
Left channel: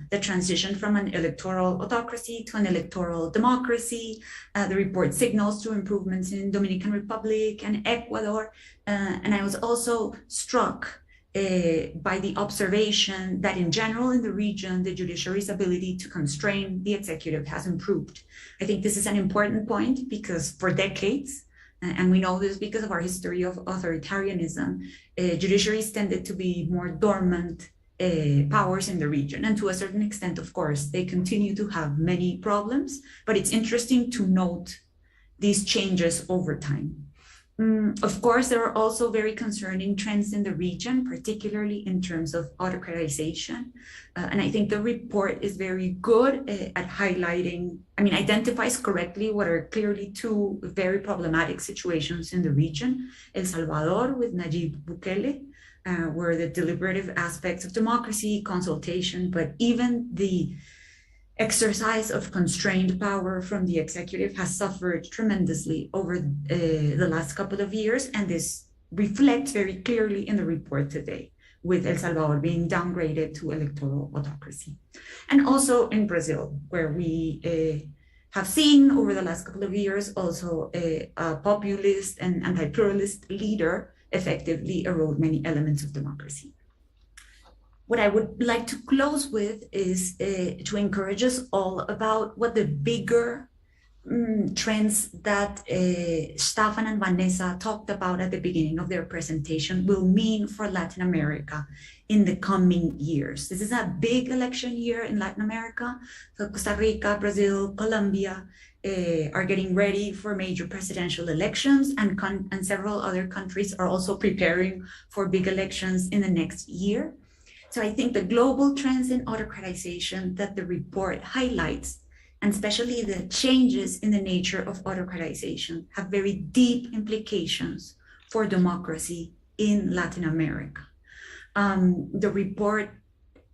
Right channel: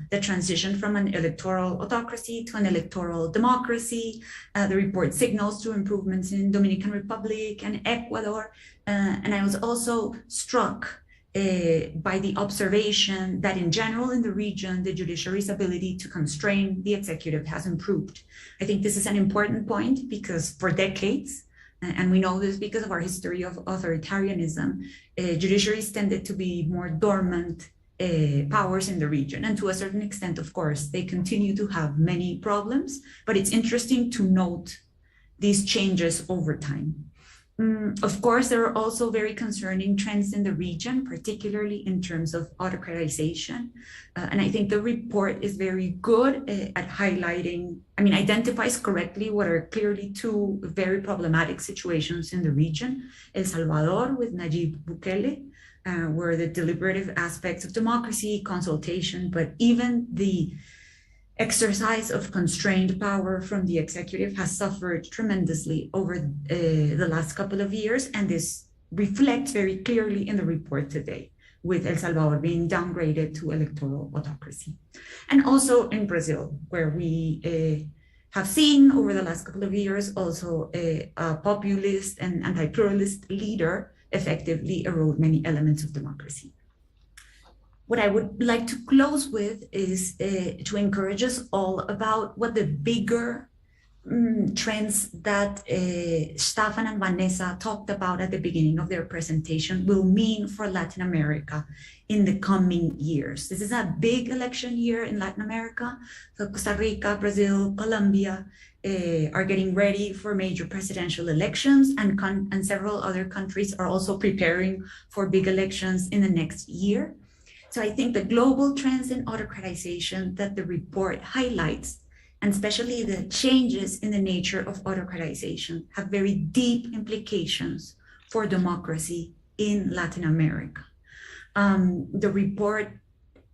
the transition from an electoral autocracy to an electoral democracy. The report signals to improvements in Dominican Republic and Ecuador. And I was also struck by the observation that in general in the region, the judiciary's ability to constrain the executive has improved. I think this is an important point because for decades, and we know this because of our history of authoritarianism, judiciaries tended to be more dormant powers in the region. And to a certain extent, of course, they continue to have many problems, but it's interesting to note these changes over time. Of course, there are also very concerning trends in the region, particularly in terms of autocratization. And I think the report is very good at highlighting, identifies correctly what are clearly 2 very problematic situations in the region. El Salvador with Nayib Bukele, where the deliberative aspects of democracy, consultation, but even the exercise of constrained power from the executive has suffered tremendously over the last couple of years, and this reflects very clearly in the report today, with El Salvador being downgraded to electoral autocracy. And also in Brazil, where we have seen over the last couple of years also a populist and anti-pluralist leader effectively erode many elements of democracy. What I would like to close with is to encourage us all about what the bigger trends that Stefan and Vanessa talked about at the beginning of their presentation will mean for Latin America in the coming years. This is a big election year in Latin America. So Costa Rica, Brazil, Colombia are getting ready for major presidential elections, and several other countries are also preparing for big elections in the next year. So I think the global trends in autocratization that the report highlights, and especially the changes in the nature of autocratization, have very deep implications for democracy in Latin America. The report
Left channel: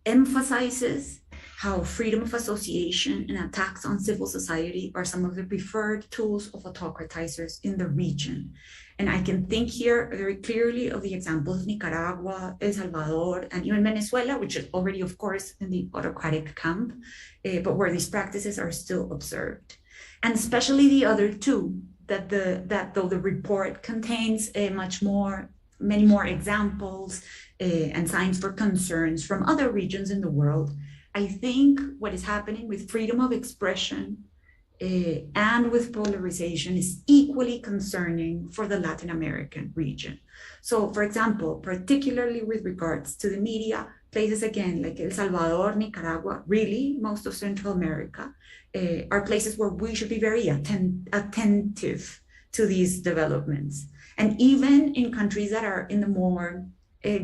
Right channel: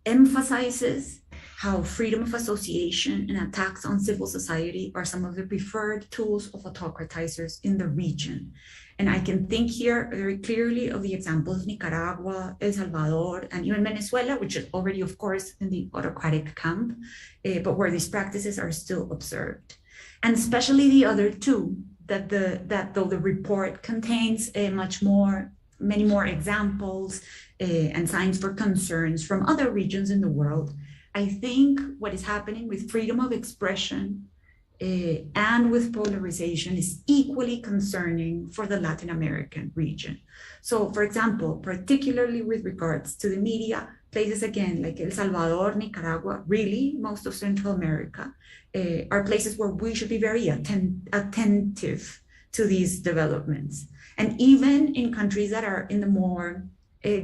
emphasizes how freedom of association and attacks on civil society are some of the preferred tools of autocratizers in the region. And I can think here very clearly of the examples of Nicaragua, El Salvador, and even Venezuela, which is already, of course, in the autocratic camp, but where these practices are still observed. And especially the other two, that though the report contains many more examples and signs for concerns from other regions in the world, I think what is happening with freedom of expression and with polarization is equally concerning for the Latin American region. So, for example, particularly with regards to the media, places again like El Salvador, Nicaragua, really most of Central America, are places where we should be very attentive to these developments. And even in countries that are in the more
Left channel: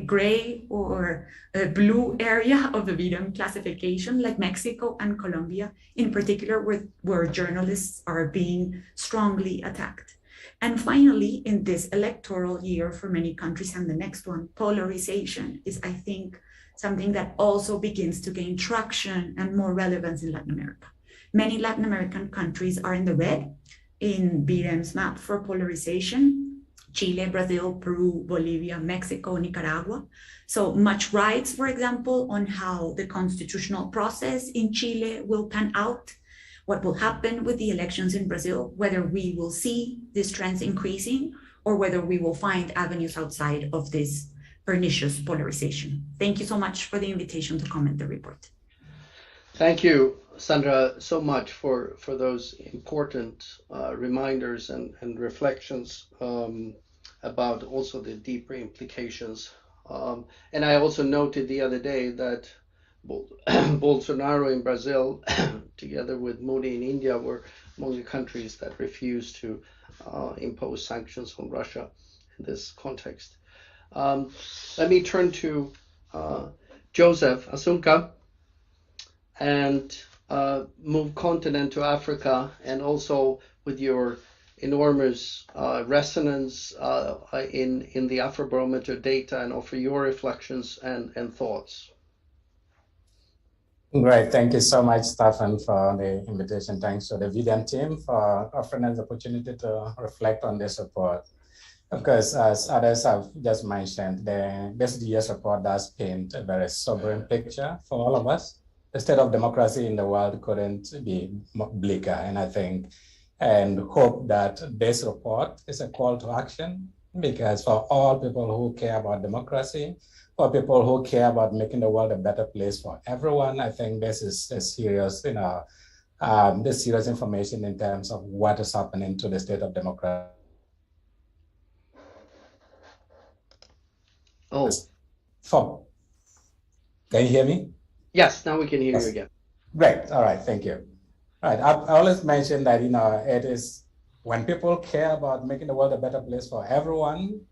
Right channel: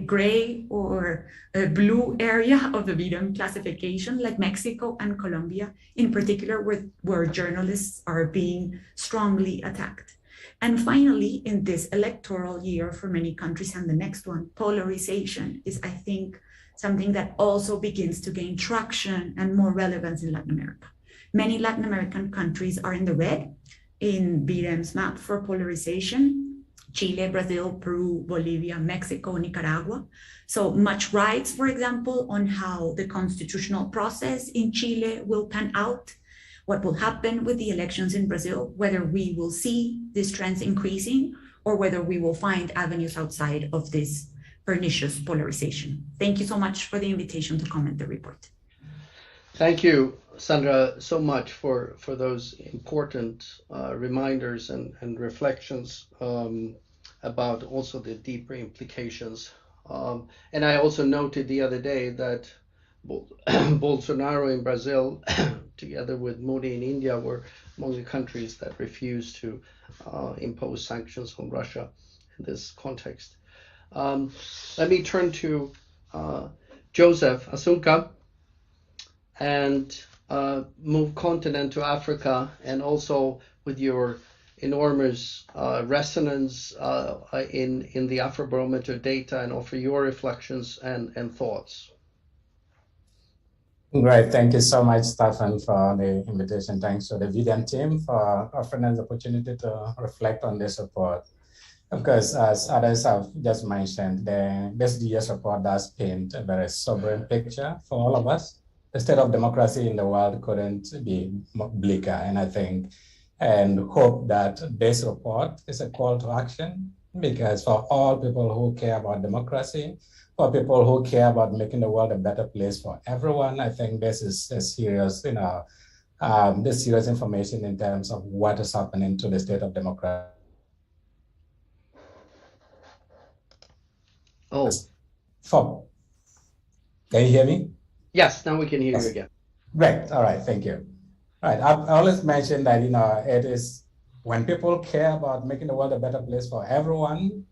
gray or blue area of the V-Dem classification, like Mexico and Colombia, in particular, where journalists are being strongly attacked. And finally, in this electoral year for many countries and the next one, polarization is, I think, something that also begins to gain traction and more relevance in Latin America. Many Latin American countries are in the red in V-Dem's map for polarization: Chile, Brazil, Peru, Bolivia, Mexico, Nicaragua. So much rights, for example, on how the constitutional process in Chile will pan out, what will happen with the elections in Brazil, whether we will see these trends increasing or whether we will find avenues outside of this pernicious polarization. Thank you so much for the invitation to comment the report. Thank you, Sandra, so much for those important reminders and reflections about also the deeper implications. And I also noted the other day that Bolsonaro in Brazil, together with Modi in India, were among the countries that refused to impose sanctions on Russia in this context. Let me turn to Joseph Asunka and move continent to Africa, and also with your enormous resonance in the Afrobarometer data, and offer your reflections and thoughts. Great, thank you so much, Stefan, for the invitation. Thanks to the V-Dem team for offering us the opportunity to reflect on this report. Of course, as others have just mentioned, this year's report does paint a very sobering picture for all of us. The state of democracy in the world couldn't be bleaker, and I think and hope that this report is a call to action, because for all people who care about democracy, for people who care about making the world a better place for everyone, I think this is a serious, this serious information in terms of what is happening to the state of democracy. Oh. Can you hear me? Yes, now we can hear you again. Great, all right, thank you. Right, I always mention that, it is when people care about making the world a better place for everyone.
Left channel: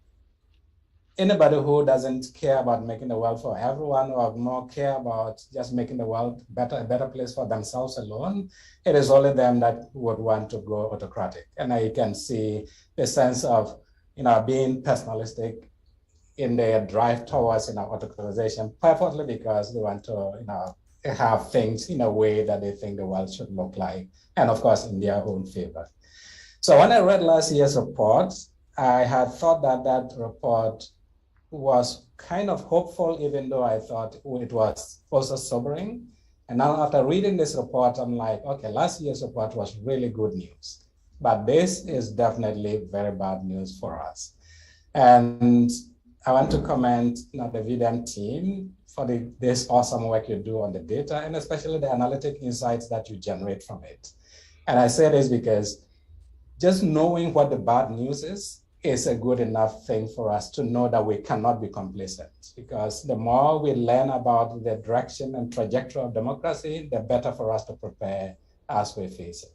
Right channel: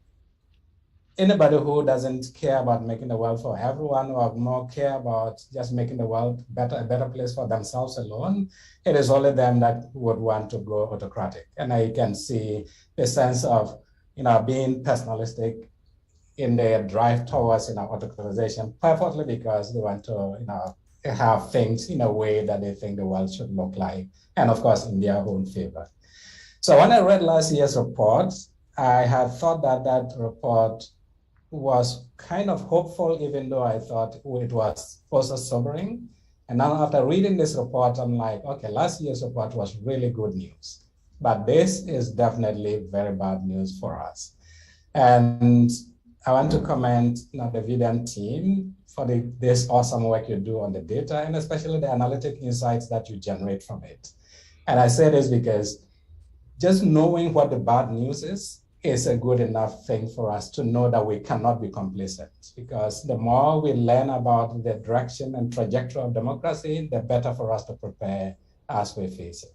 Anybody who doesn't care about making the world for everyone, or more care about just making the world a better place for themselves alone, it is only them that would want to go autocratic. And I can see the sense of, being personalistic in their drive towards, autocratization, perfectly because they want to, have things in a way that they think the world should look like, and of course in their own favor. So when I read last year's report, I had thought that report was kind of hopeful, even though I thought it was also sobering. And now after reading this report, I'm like, okay, last year's report was really good news, but this is definitely very bad news for us. And I want to commend the V-Dem team for this awesome work you do on the data, and especially the analytic insights that you generate from it. And I say this because just knowing what the bad news is a good enough thing for us to know that we cannot be complacent, because the more we learn about the direction and trajectory of democracy, the better for us to prepare as we face it.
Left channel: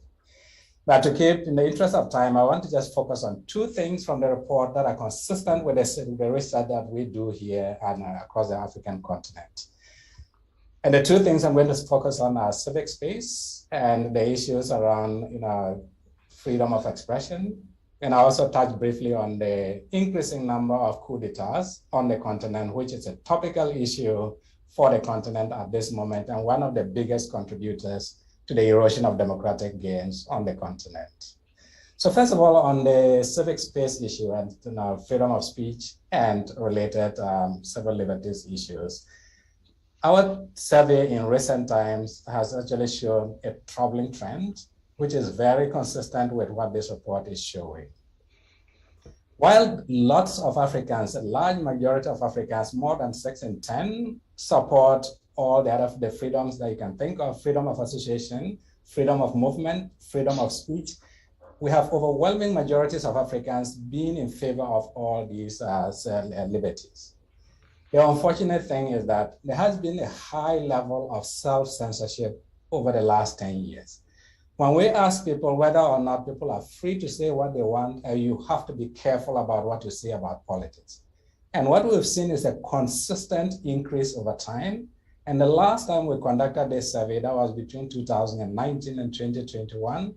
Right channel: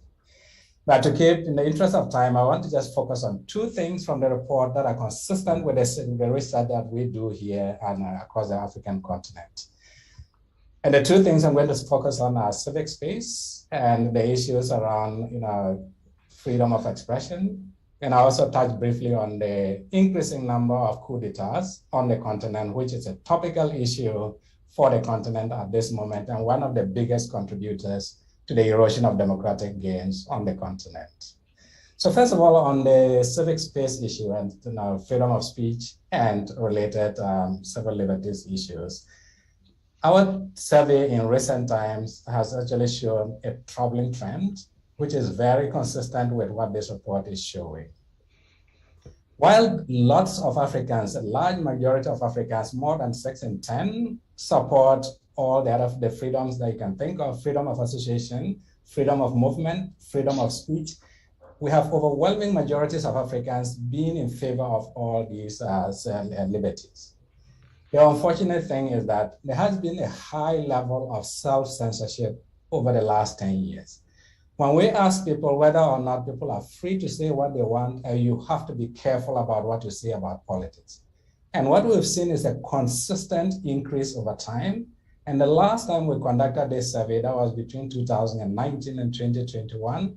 But to keep, in the interest of time, I want to just focus on two things from the report that are consistent with the research that we do here and across the African continent. And the two things I'm going to focus on are civic space and the issues around freedom of expression. And I also touch briefly on the increasing number of coups d'etats on the continent, which is a topical issue for the continent at this moment, and one of the biggest contributors to the erosion of democratic gains on the continent. So first of all, on the civic space issue and freedom of speech and related civil liberties issues, our survey in recent times has actually shown a troubling trend, which is very consistent with what this report is showing. While lots of Africans, a large majority of Africans, more than 6 in 10, support all the freedoms that you can think of: freedom of association, freedom of movement, freedom of speech, we have overwhelming majorities of Africans being in favor of all these liberties. The unfortunate thing is that there has been a high level of self-censorship over the last 10 years. When we ask people whether or not people are free to say what they want, you have to be careful about what you say about politics. And what we've seen is a consistent increase over time. And the last time we conducted this survey, that was between 2019 and 2021,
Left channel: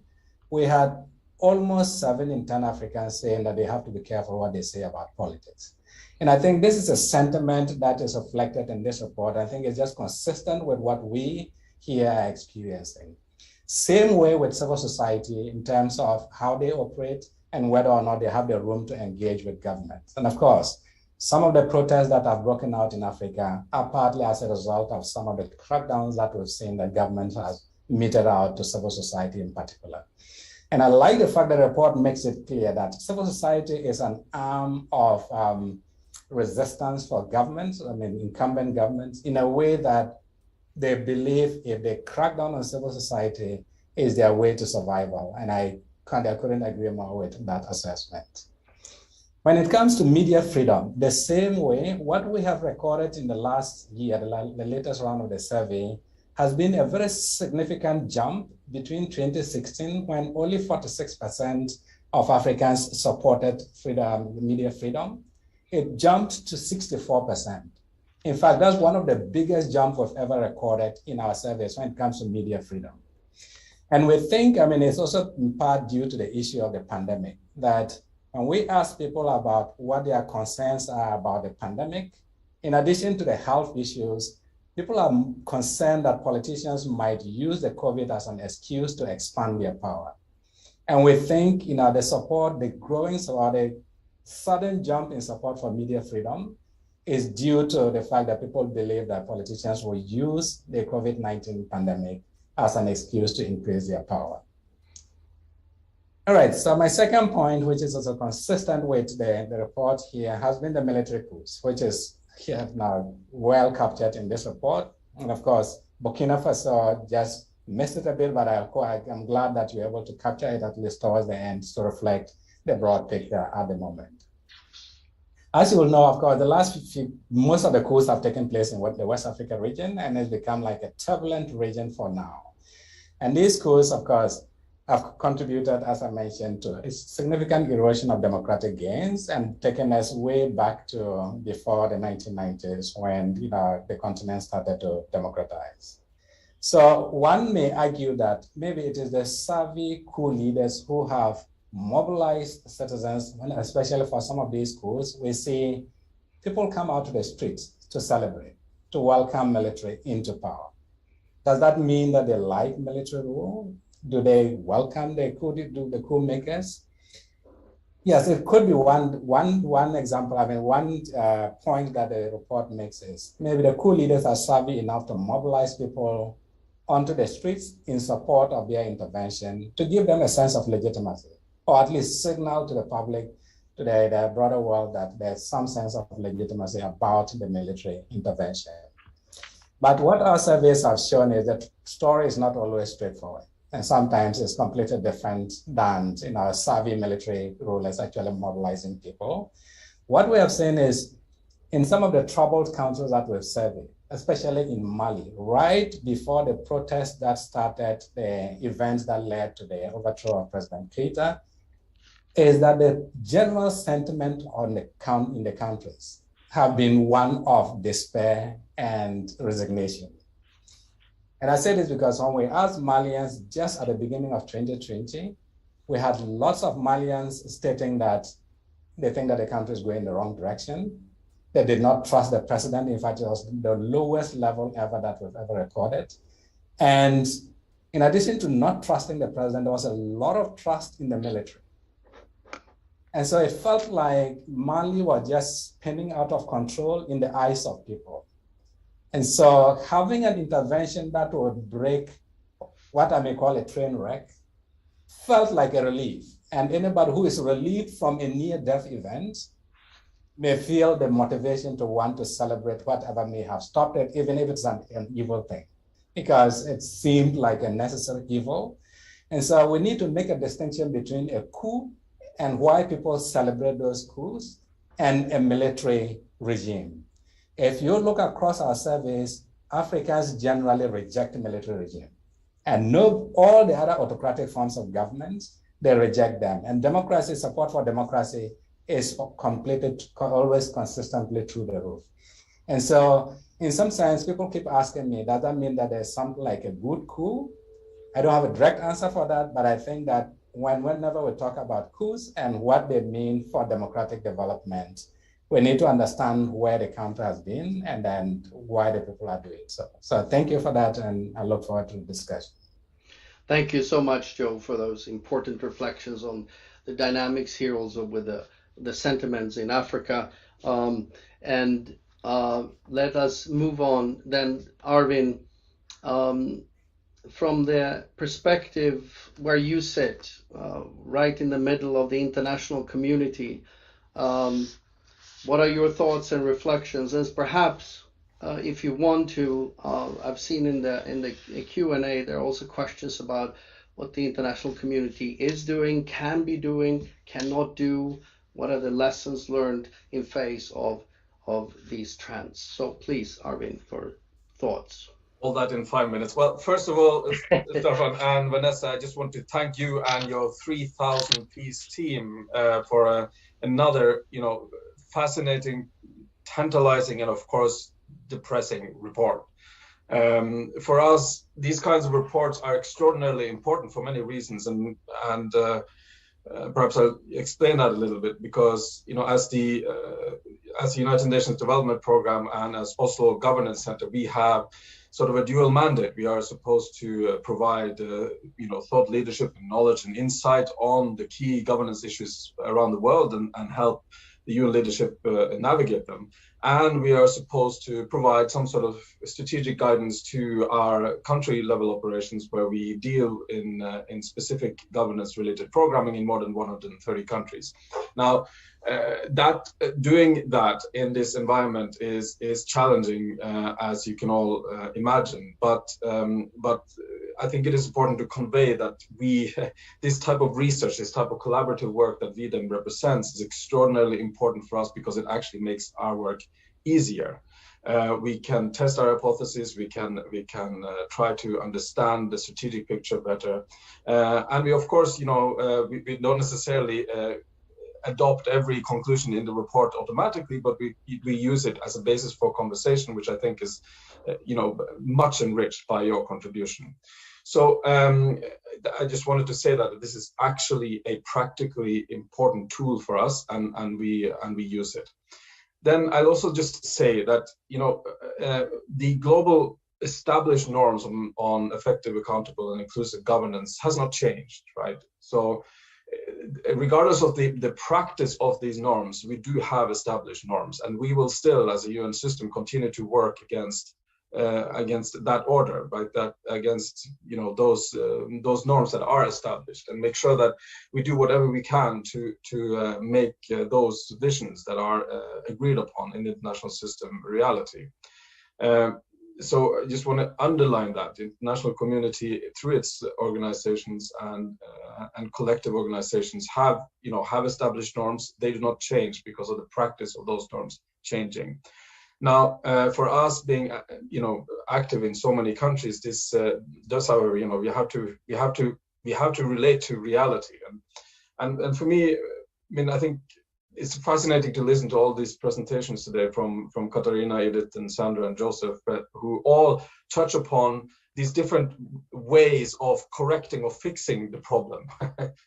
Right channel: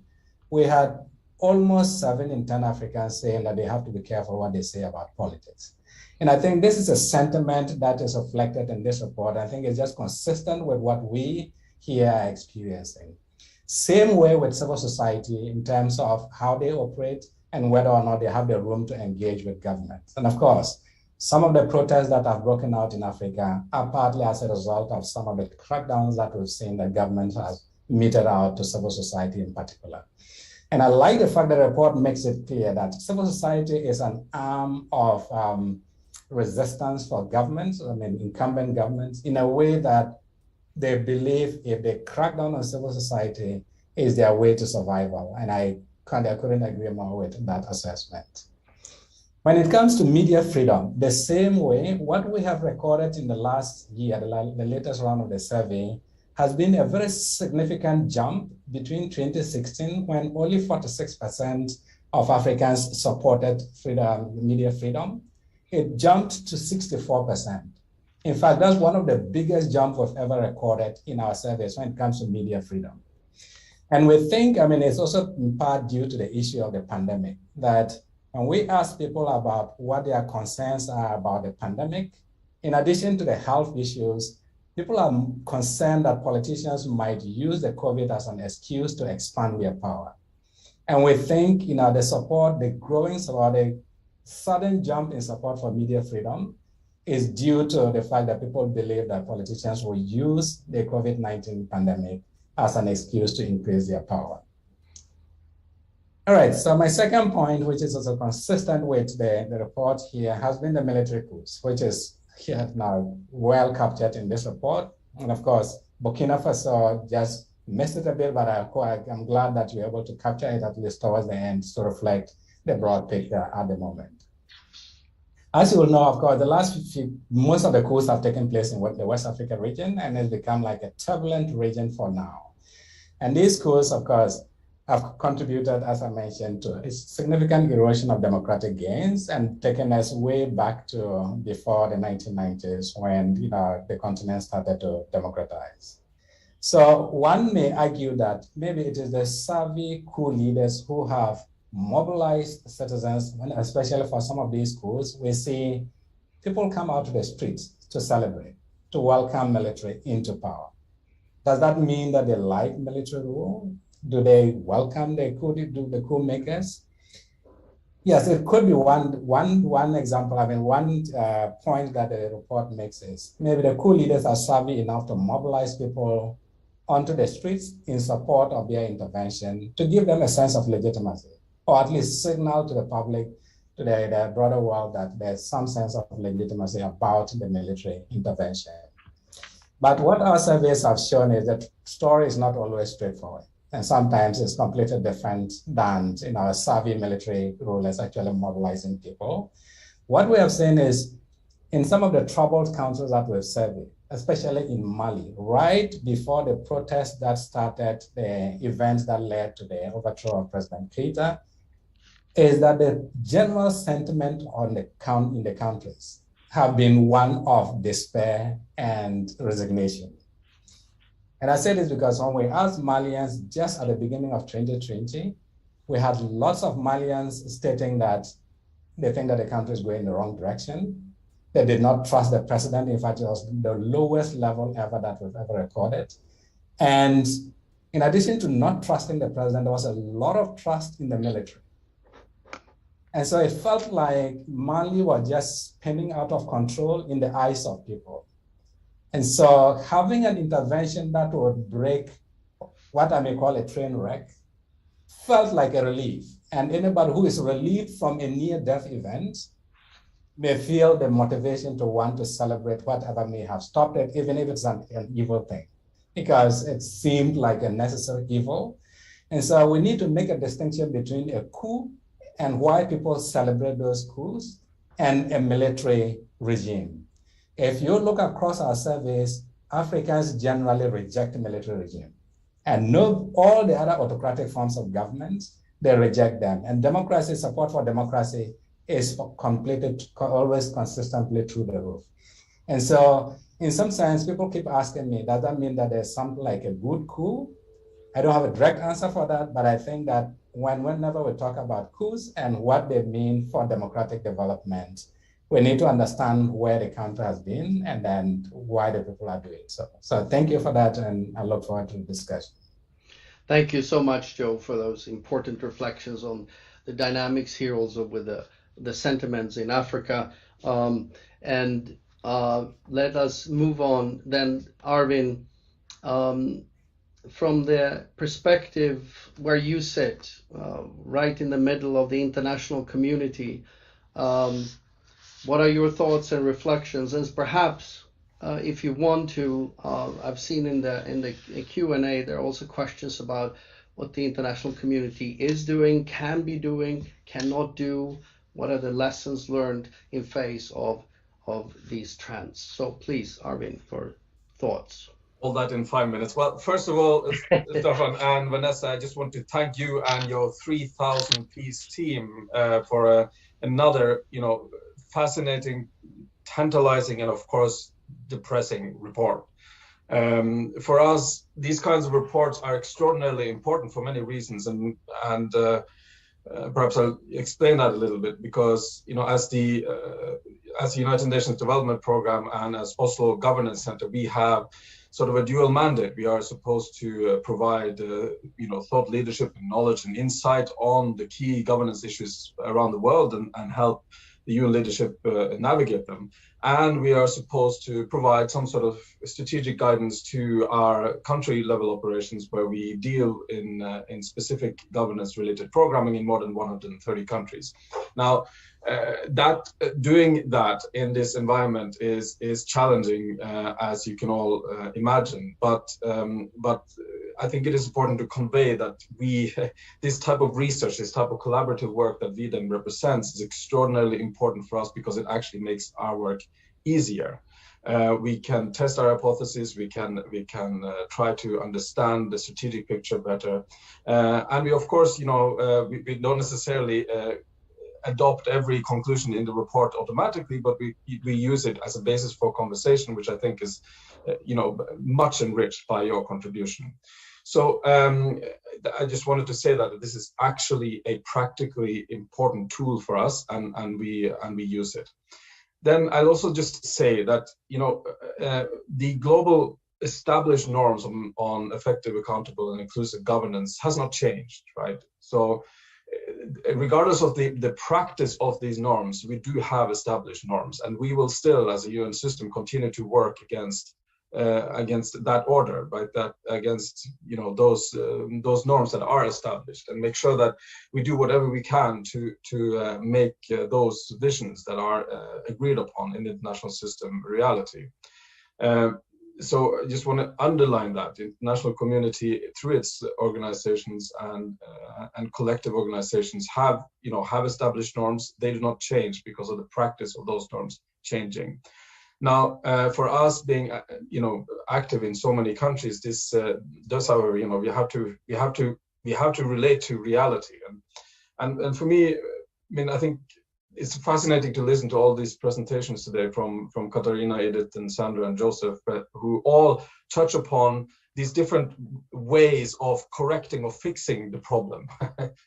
we had almost 7 in 10 Africans saying that they have to be careful what they say about politics. And I think this is a sentiment that is reflected in this report. I think it's just consistent with what we here are experiencing. Same way with civil society in terms of how they operate and whether or not they have the room to engage with government. And of course, some of the protests that have broken out in Africa are partly as a result of some of the crackdowns that we've seen that government has meted out to civil society in particular. And I like the fact that the report makes it clear that civil society is an arm of resistance for governments, incumbent governments, in a way that they believe if they crack down on civil society is their way to survival. And I couldn't agree more with that assessment. When it comes to media freedom, the same way, what we have recorded in the last year, the latest round of the survey, has been a very significant jump between 2016, when only 46% of Africans supported media freedom. It jumped to 64%. In fact, that's one of the biggest jumps we've ever recorded in our surveys when it comes to media freedom. And we think, it's also in part due to the issue of the pandemic, that when we ask people about what their concerns are about the pandemic, in addition to the health issues, people are concerned that politicians might use the COVID as an excuse to expand their power. And we think, the growing support, the sudden jump in support for media freedom is due to the fact that people believe that politicians will use the COVID-19 pandemic as an excuse to increase their power. All right, so my second point, which is also consistent with the report here, has been the military coups, which is here now well captured in this report. And of course, Burkina Faso just missed it a bit, but I'm glad that you're able to capture it at least towards the end to reflect the broad picture at the moment. As you will know, of course, most of the coups have taken place in the West Africa region, and it's become like a turbulent region for now. And these coups, of course, have contributed, as I mentioned, to a significant erosion of democratic gains and taken us way back to before the 1990s when the continent started to democratize. So one may argue that maybe it is the savvy coup leaders who have mobilized citizens, and especially for some of these coups, we see people come out to the streets to celebrate, to welcome military into power. Does that mean that they like military rule? Do they welcome the coup makers? Yes, it could be one example. One point that the report makes is maybe the coup leaders are savvy enough to mobilize people onto the streets in support of their intervention to give them a sense of legitimacy, or at least signal to the public today, the broader world, that there's some sense of legitimacy about the military intervention. But what our surveys have shown is that story is not always straightforward. And sometimes it's completely different than a savvy military rulers actually mobilizing people. What we have seen is in some of the troubled countries that we've surveyed, especially in Mali, right before the protests that started, the events that led to the overthrow of President Keita, is that the general sentiment in the countries have been one of despair and resignation. And I say this because when we asked Malians just at the beginning of 2020, we had lots of Malians stating that they think that the country is going in the wrong direction. They did not trust the president. In fact, it was the lowest level ever that we've ever recorded. And in addition to not trusting the president, there was a lot of trust in the military. And so it felt like Mali was just spinning out of control in the eyes of people. And so having an intervention that would break what I may call a train wreck felt like a relief. And anybody who is relieved from a near-death event may feel the motivation to want to celebrate whatever may have stopped it, even if it's an evil thing, because it seemed like a necessary evil. And so we need to make a distinction between a coup and why people celebrate those coups and a military regime. If you look across our surveys, Africans generally reject military regime. And all the other autocratic forms of government, they reject them. And democracy, support for democracy is always consistently through the roof. And so in some sense, people keep asking me, does that mean that there's something like a good coup? I don't have a direct answer for that, but I think that whenever we talk about coups and what they mean for democratic development, we need to understand where the country has been and then why the people are doing so. So thank you for that, and I look forward to the discussion. Thank you so much, Joe, for those important reflections on the dynamics here, also with the sentiments in Africa. Let us move on then, Arvin, from the perspective where you sit, right in the middle of the international community. What are your thoughts and reflections? And perhaps, if you want to, I've seen in the Q&A, there are also questions about what the international community is doing, can be doing, cannot do. What are the lessons learned in face of these trends? So please, Arvin, your thoughts. All that in 5 minutes. Well, first of all, Stefan and Vanessa, I just want to thank you and your 3,000-piece team for another, fascinating, tantalizing, and of course, depressing report. For us, these kinds of reports are extraordinarily important for many reasons, and perhaps I'll explain that a little bit, because as the United Nations Development Programme and as Oslo Governance Center, we have sort of a dual mandate. We are supposed to provide thought leadership and knowledge and insight on the key governance issues around the world and help the UN leadership navigate them. And we are supposed to provide some sort of strategic guidance to our country level operations, where we deal in specific governance related programming in more than 130 countries. Now, doing that in this environment is challenging, as you can all imagine. But I think it is important to convey that this type of research, this type of collaborative work that V-Dem represents, is extraordinarily important for us, because it actually makes our work easier. We can test our hypotheses. We can try to understand the strategic picture better, and we, of course, we don't necessarily adopt every conclusion in the report automatically, but we use it as a basis for conversation, which I think is, much enriched by your contribution. So I just wanted to say that this is actually a practically important tool for us, and we use it. Then I'll also just say that the global established norms on effective, accountable, and inclusive governance has not changed, right? So regardless of the practice of these norms, we do have established norms, and we will still, as a UN system, continue to work against against that order, right? That against those norms that are established, and make sure that we do whatever we can to make those visions that are agreed upon in the international system reality. So I just want to underline that the international community, through its organizations and collective organizations, have established norms. They do not change because of the practice of those norms changing. Now, for us being active in so many countries, this does, however, we have to relate to reality. And for me, I mean, I think it's fascinating to listen to all these presentations today from Katarina, Edith, and Sandra, and Joseph, who all touch upon these different ways of correcting or fixing the problem,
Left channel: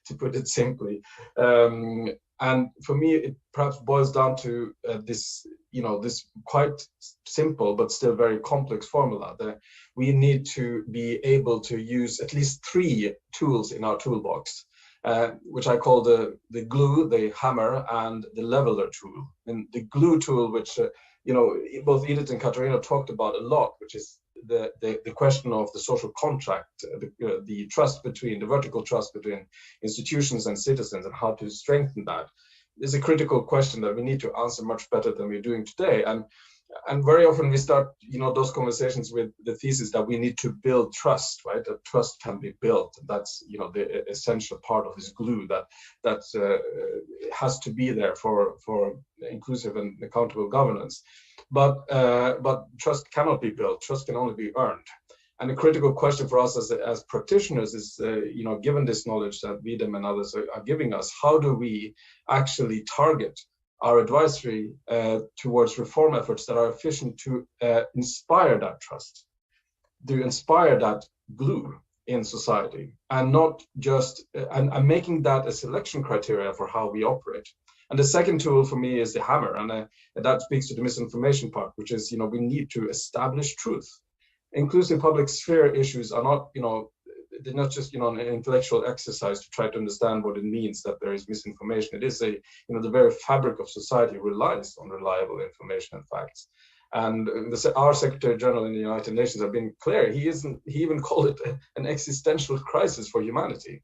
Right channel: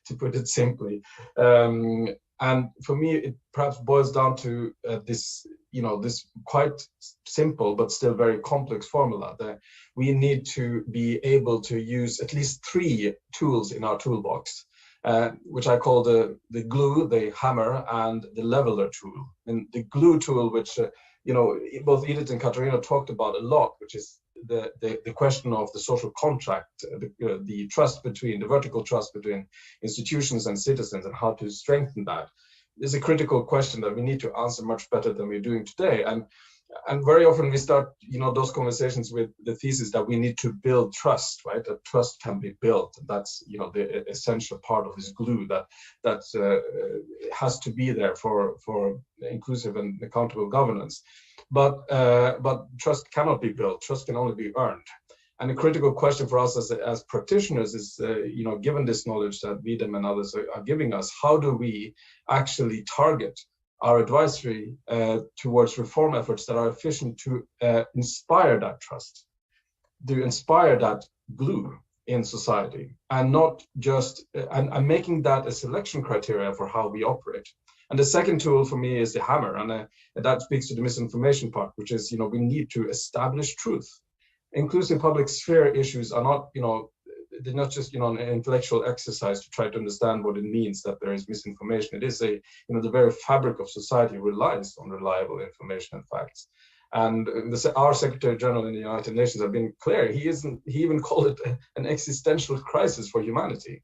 to put it simply. And for me, it perhaps boils down to this quite simple but still very complex formula that we need to be able to use at least 3 tools in our toolbox. Which I call the glue, the hammer, and the leveler tool. And the glue tool, which both Edith and Katarina talked about a lot, which is the question of the social contract, the trust between the vertical trust between institutions and citizens, and how to strengthen that, is a critical question that we need to answer much better than we're doing today. And very often we start, those conversations with the thesis that we need to build trust, right? That trust can be built. That's, the essential part of this glue that has to be there for inclusive and accountable governance. But trust cannot be built. Trust can only be earned. And a critical question for us as practitioners is, given this knowledge that V-Dem and others are giving us, how do we actually target our advisory towards reform efforts that are efficient to inspire that trust, to inspire that glue in society, and not just and making that a selection criteria for how we operate. And the second tool for me is the hammer, and that speaks to the misinformation part, which is we need to establish truth. Inclusive public sphere issues are not they're not just an intellectual exercise to try to understand what it means that there is misinformation. It is the very fabric of society relies on reliable information and facts. And our Secretary General in the United Nations have been clear. He even called it an existential crisis for humanity.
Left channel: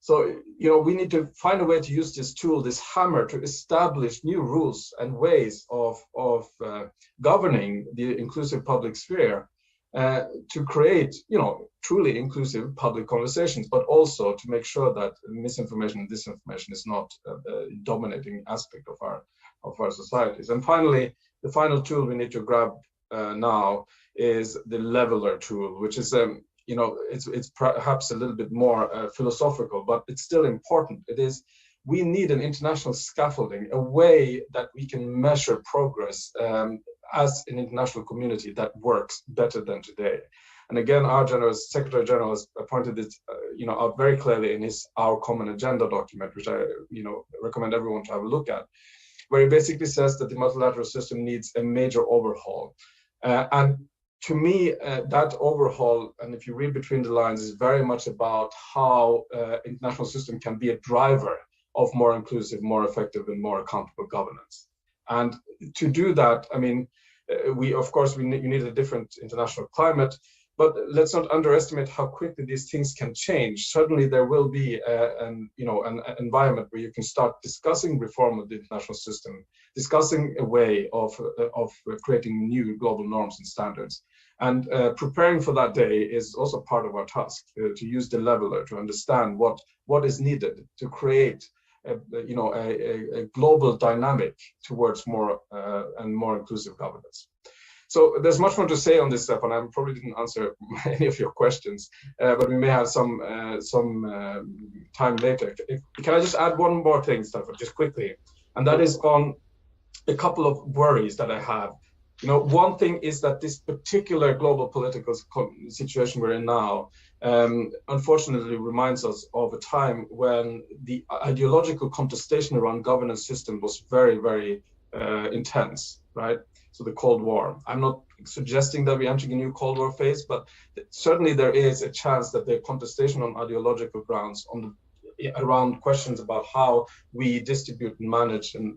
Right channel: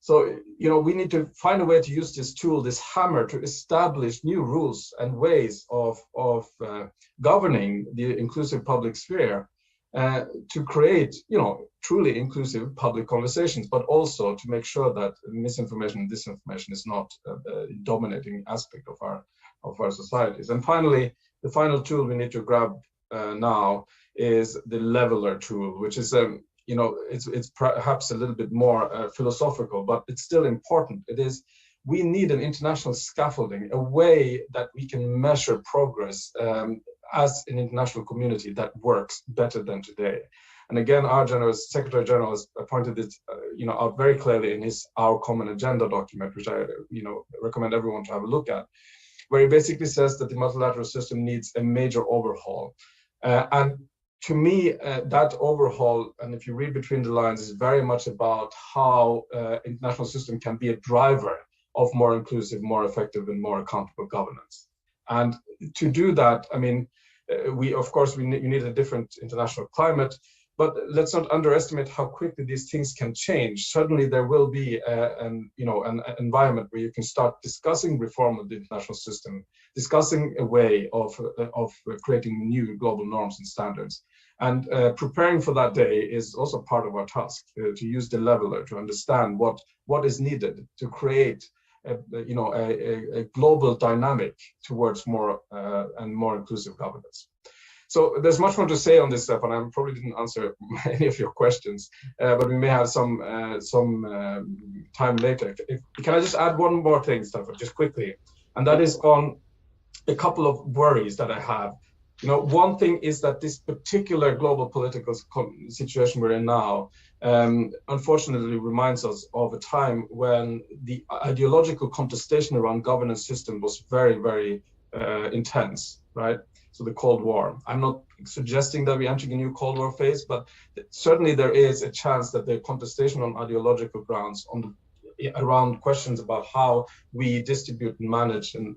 So we need to find a way to use this tool, this hammer, to establish new rules and ways of governing the inclusive public sphere. To create, truly inclusive public conversations, but also to make sure that misinformation and disinformation is not a dominating aspect of our societies. And finally, the final tool we need to grab now is the leveler tool, which is it's perhaps a little bit more philosophical, but it's still important. We need an international scaffolding, a way that we can measure progress as an international community that works better than today. And again, our Secretary General has pointed it out very clearly in Our Common Agenda document, which I recommend everyone to have a look at, where he basically says that the multilateral system needs a major overhaul. And to me, that overhaul, and if you read between the lines, is very much about how international system can be a driver of more inclusive, more effective, and more accountable governance. And to do that, I mean, you need a different international climate, but let's not underestimate how quickly these things can change. Suddenly there will be an environment where you can start discussing reform of the international system, discussing a way of creating new global norms and standards. And preparing for that day is also part of our task, to use the leveler to understand what is needed to create a global dynamic towards more and more inclusive governance. So there's much more to say on this stuff, and I probably didn't answer any of your questions, but we may have some time later. Can I just add one more thing, Staffan, just quickly? And that is on a couple of worries that I have. One thing is that this particular global political situation we're in now, unfortunately reminds us of a time when the ideological contestation around governance system was very, very intense, right? So the Cold War. I'm not suggesting that we're entering a new Cold War phase, but certainly there is a chance that the contestation on ideological grounds around questions about how we distribute and manage and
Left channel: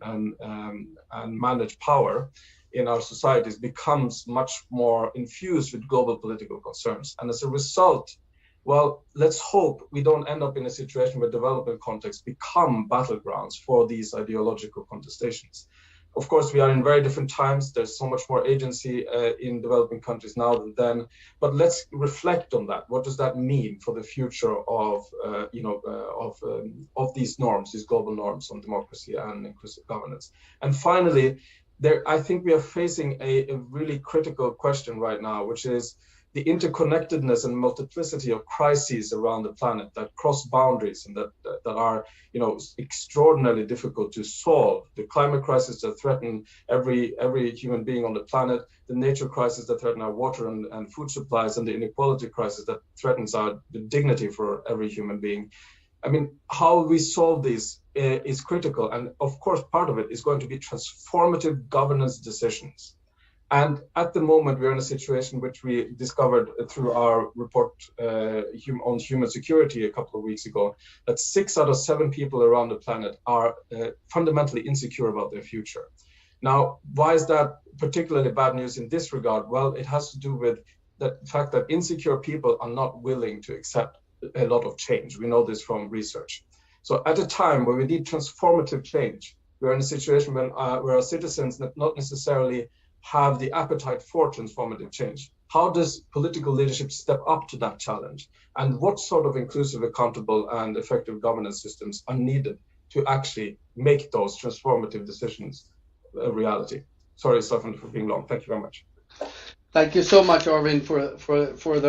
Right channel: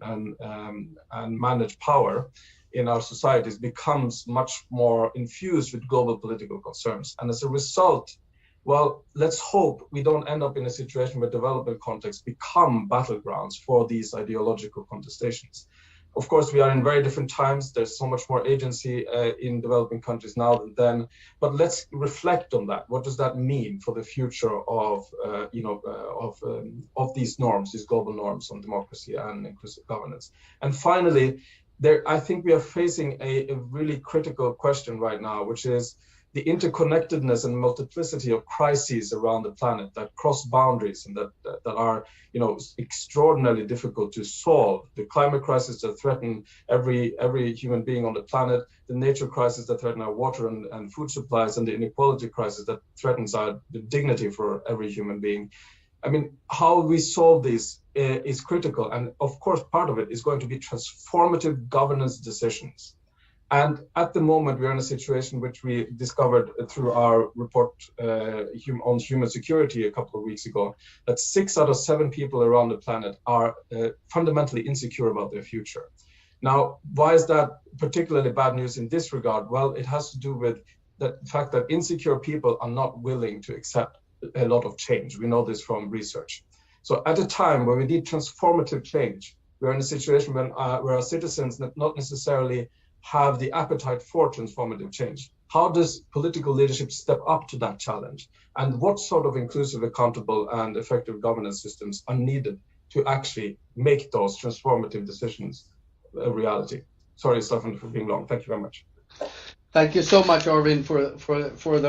manage power in our societies becomes much more infused with global political concerns. And as a result, well, let's hope we don't end up in a situation where development contexts become battlegrounds for these ideological contestations. Of course, we are in very different times. There's so much more agency in developing countries now than then. But let's reflect on that. What does that mean for the future of, of these norms, these global norms on democracy and inclusive governance? And finally, I think we are facing a really critical question right now, which is the interconnectedness and multiplicity of crises around the planet that cross boundaries and that are, extraordinarily difficult to solve. The climate crisis that threaten every human being on the planet, the nature crisis that threaten our water and food supplies, and the inequality crisis that threatens the dignity for every human being. I mean, how we solve these is critical. And of course, part of it is going to be transformative governance decisions. And at the moment, we're in a situation which we discovered through our report on human security a couple of weeks ago, that 6 out of 7 people around the planet are fundamentally insecure about their future. Now, why is that particularly bad news in this regard? Well, it has to do with the fact that insecure people are not willing to accept a lot of change. We know this from research. So at a time where we need transformative change, we're in a situation where our citizens not necessarily have the appetite for transformative change. How does political leadership step up to that challenge? And what sort of inclusive, accountable, and effective governance systems are needed to actually make those transformative decisions a reality? Sorry, Stefan, for being long. Thank you very much. Thank you so much, Arvind, for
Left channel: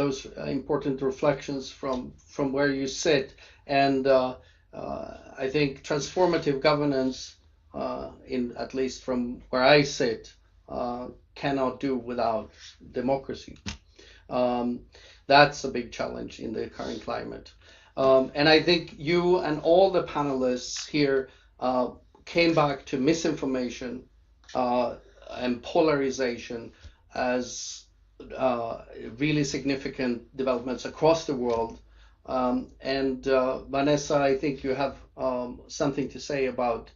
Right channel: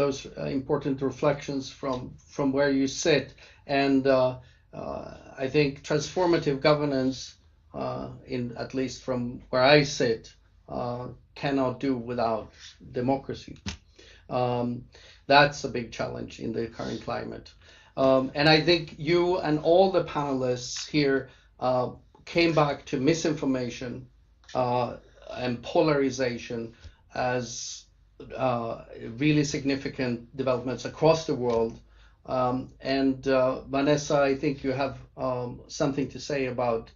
those important reflections from where you sit. And I think transformative governance, at least from where I sit, cannot do without democracy. That's a big challenge in the current climate. And I think you and all the panelists here came back to misinformation and polarization as really significant developments across the world. Vanessa, I think you have something to say about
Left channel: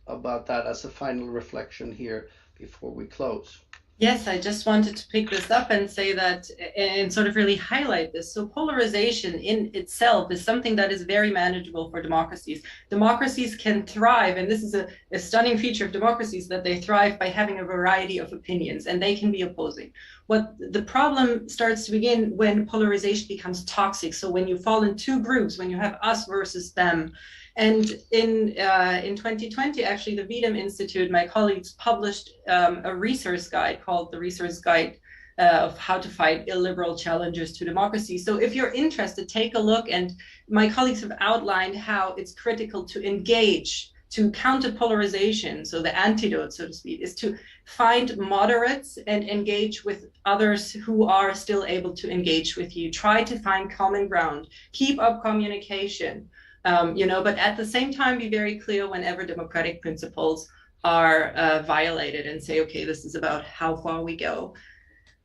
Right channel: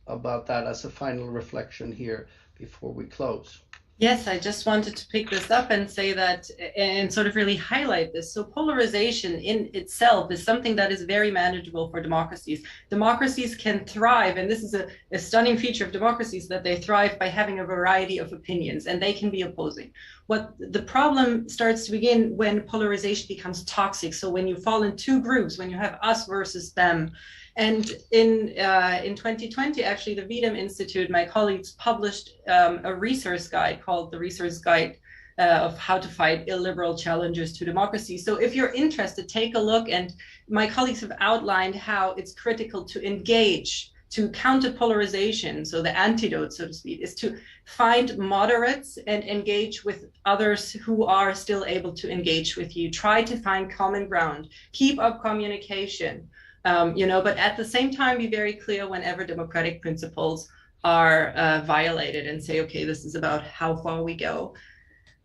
that as a final reflection here before we close. Yes, I just wanted to pick this up and say that and sort of really highlight this. So polarization in itself is something that is very manageable for democracies. Democracies can thrive, and this is a stunning feature of democracies, that they thrive by having a variety of opinions, and they can be opposing. What the problem starts to begin when polarization becomes toxic. So when you fall in two groups, when you have us versus them. And in 2020, actually, the V-Dem Institute, my colleagues published a resource guide called the Resource Guide of How to Fight Illiberal Challenges to Democracy. So if you're interested, take a look. And my colleagues have outlined how it's critical to engage, to counter polarization. So the antidote, so to speak, is to find moderates and engage with others who are still able to engage with you. Try to find common ground, keep up communication. But at the same time, be very clear whenever democratic principles are violated and say, okay, this is about how far we go.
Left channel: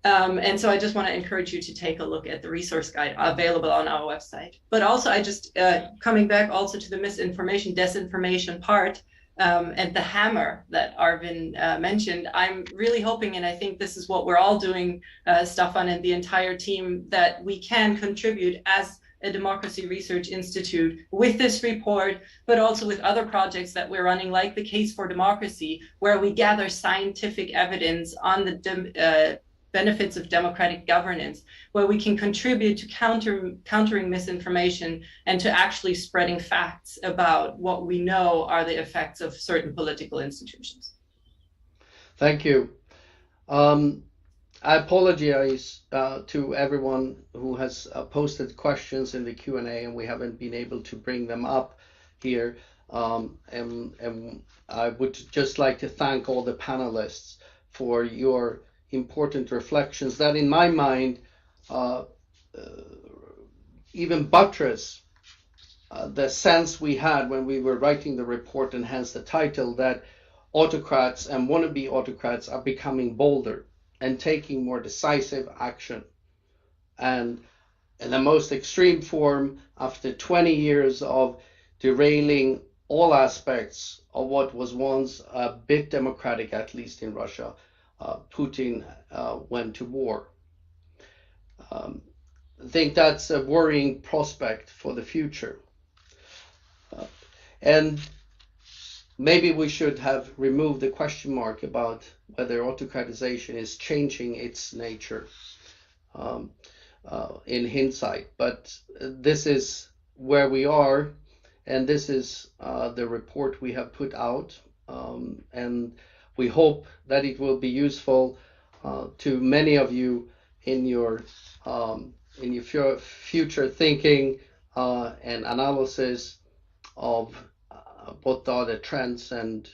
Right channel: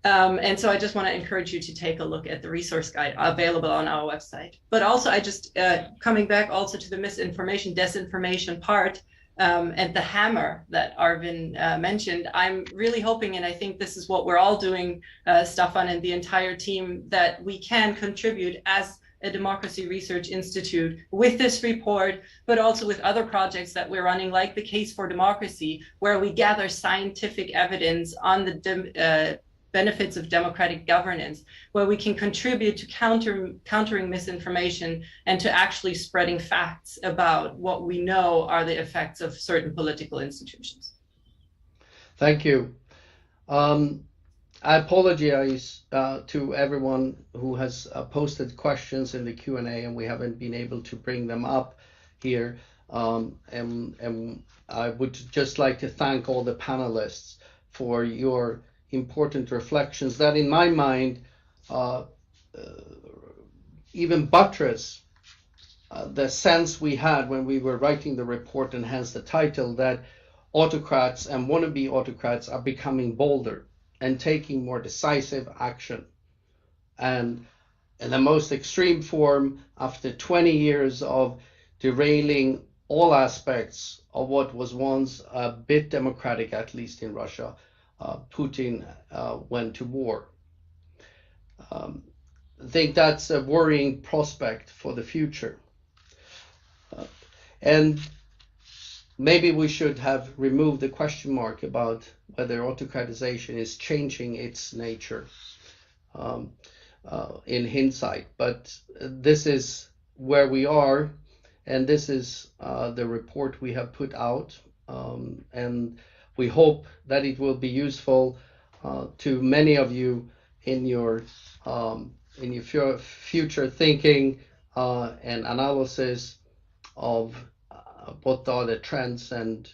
And so I just want to encourage you to take a look at the resource guide available on our website. But also, I just coming back also to the misinformation, disinformation part and the hammer that Arvind mentioned, I'm really hoping, and I think this is what we're all doing, Staffan and the entire team, that we can contribute as a Democracy Research Institute with this report, but also with other projects that we're running, like the Case for Democracy, where we gather scientific evidence on the benefits of democratic governance, where we can contribute to countering misinformation and to actually spreading facts about what we know are the effects of certain political institutions. Thank you. I apologize to everyone who has posted questions in the Q&A, and we haven't been able to bring them up here. And I would just like to thank all the panelists for your important reflections that, in my mind, even buttress the sense we had when we were writing the report, and hence the title, that autocrats and wannabe autocrats are becoming bolder and taking more decisive action. And in the most extreme form, after 20 years of derailing all aspects of what was once a bit democratic, at least in Russia. Putin went to war. I think that's a worrying prospect for the future. And maybe we should have removed the question mark about whether autocratization is changing its nature in hindsight. But this is where we are, and this is the report we have put out. And we hope that it will be useful to many of you in your future thinking and analysis of what are the trends and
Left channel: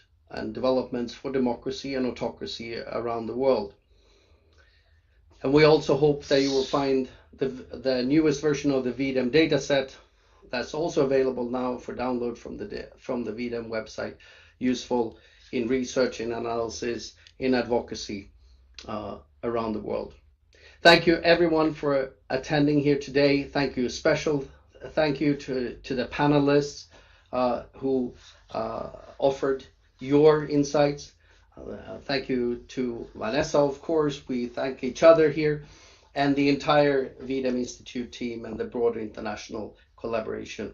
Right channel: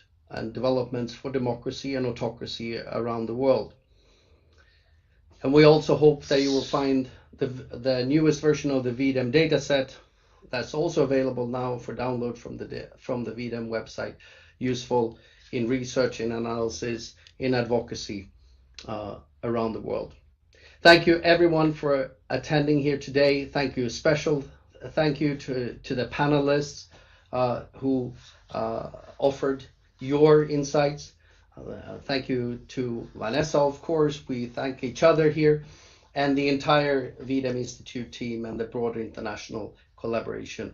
developments for democracy and autocracy around the world. And we also hope that you will find the newest version of the V-Dem dataset that's also available now for download from the V-Dem website, useful in research, in analysis, in advocacy around the world. Thank you everyone for attending here today. Thank you, special thank you to the panelists who offered your insights. Thank you to Vanessa, of course. We thank each other here and the entire V-Dem Institute team and the broader international collaboration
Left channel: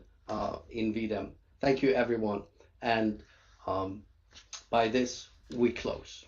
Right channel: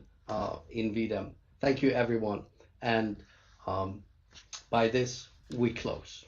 in V-Dem. Thank you, everyone. And by this, we close.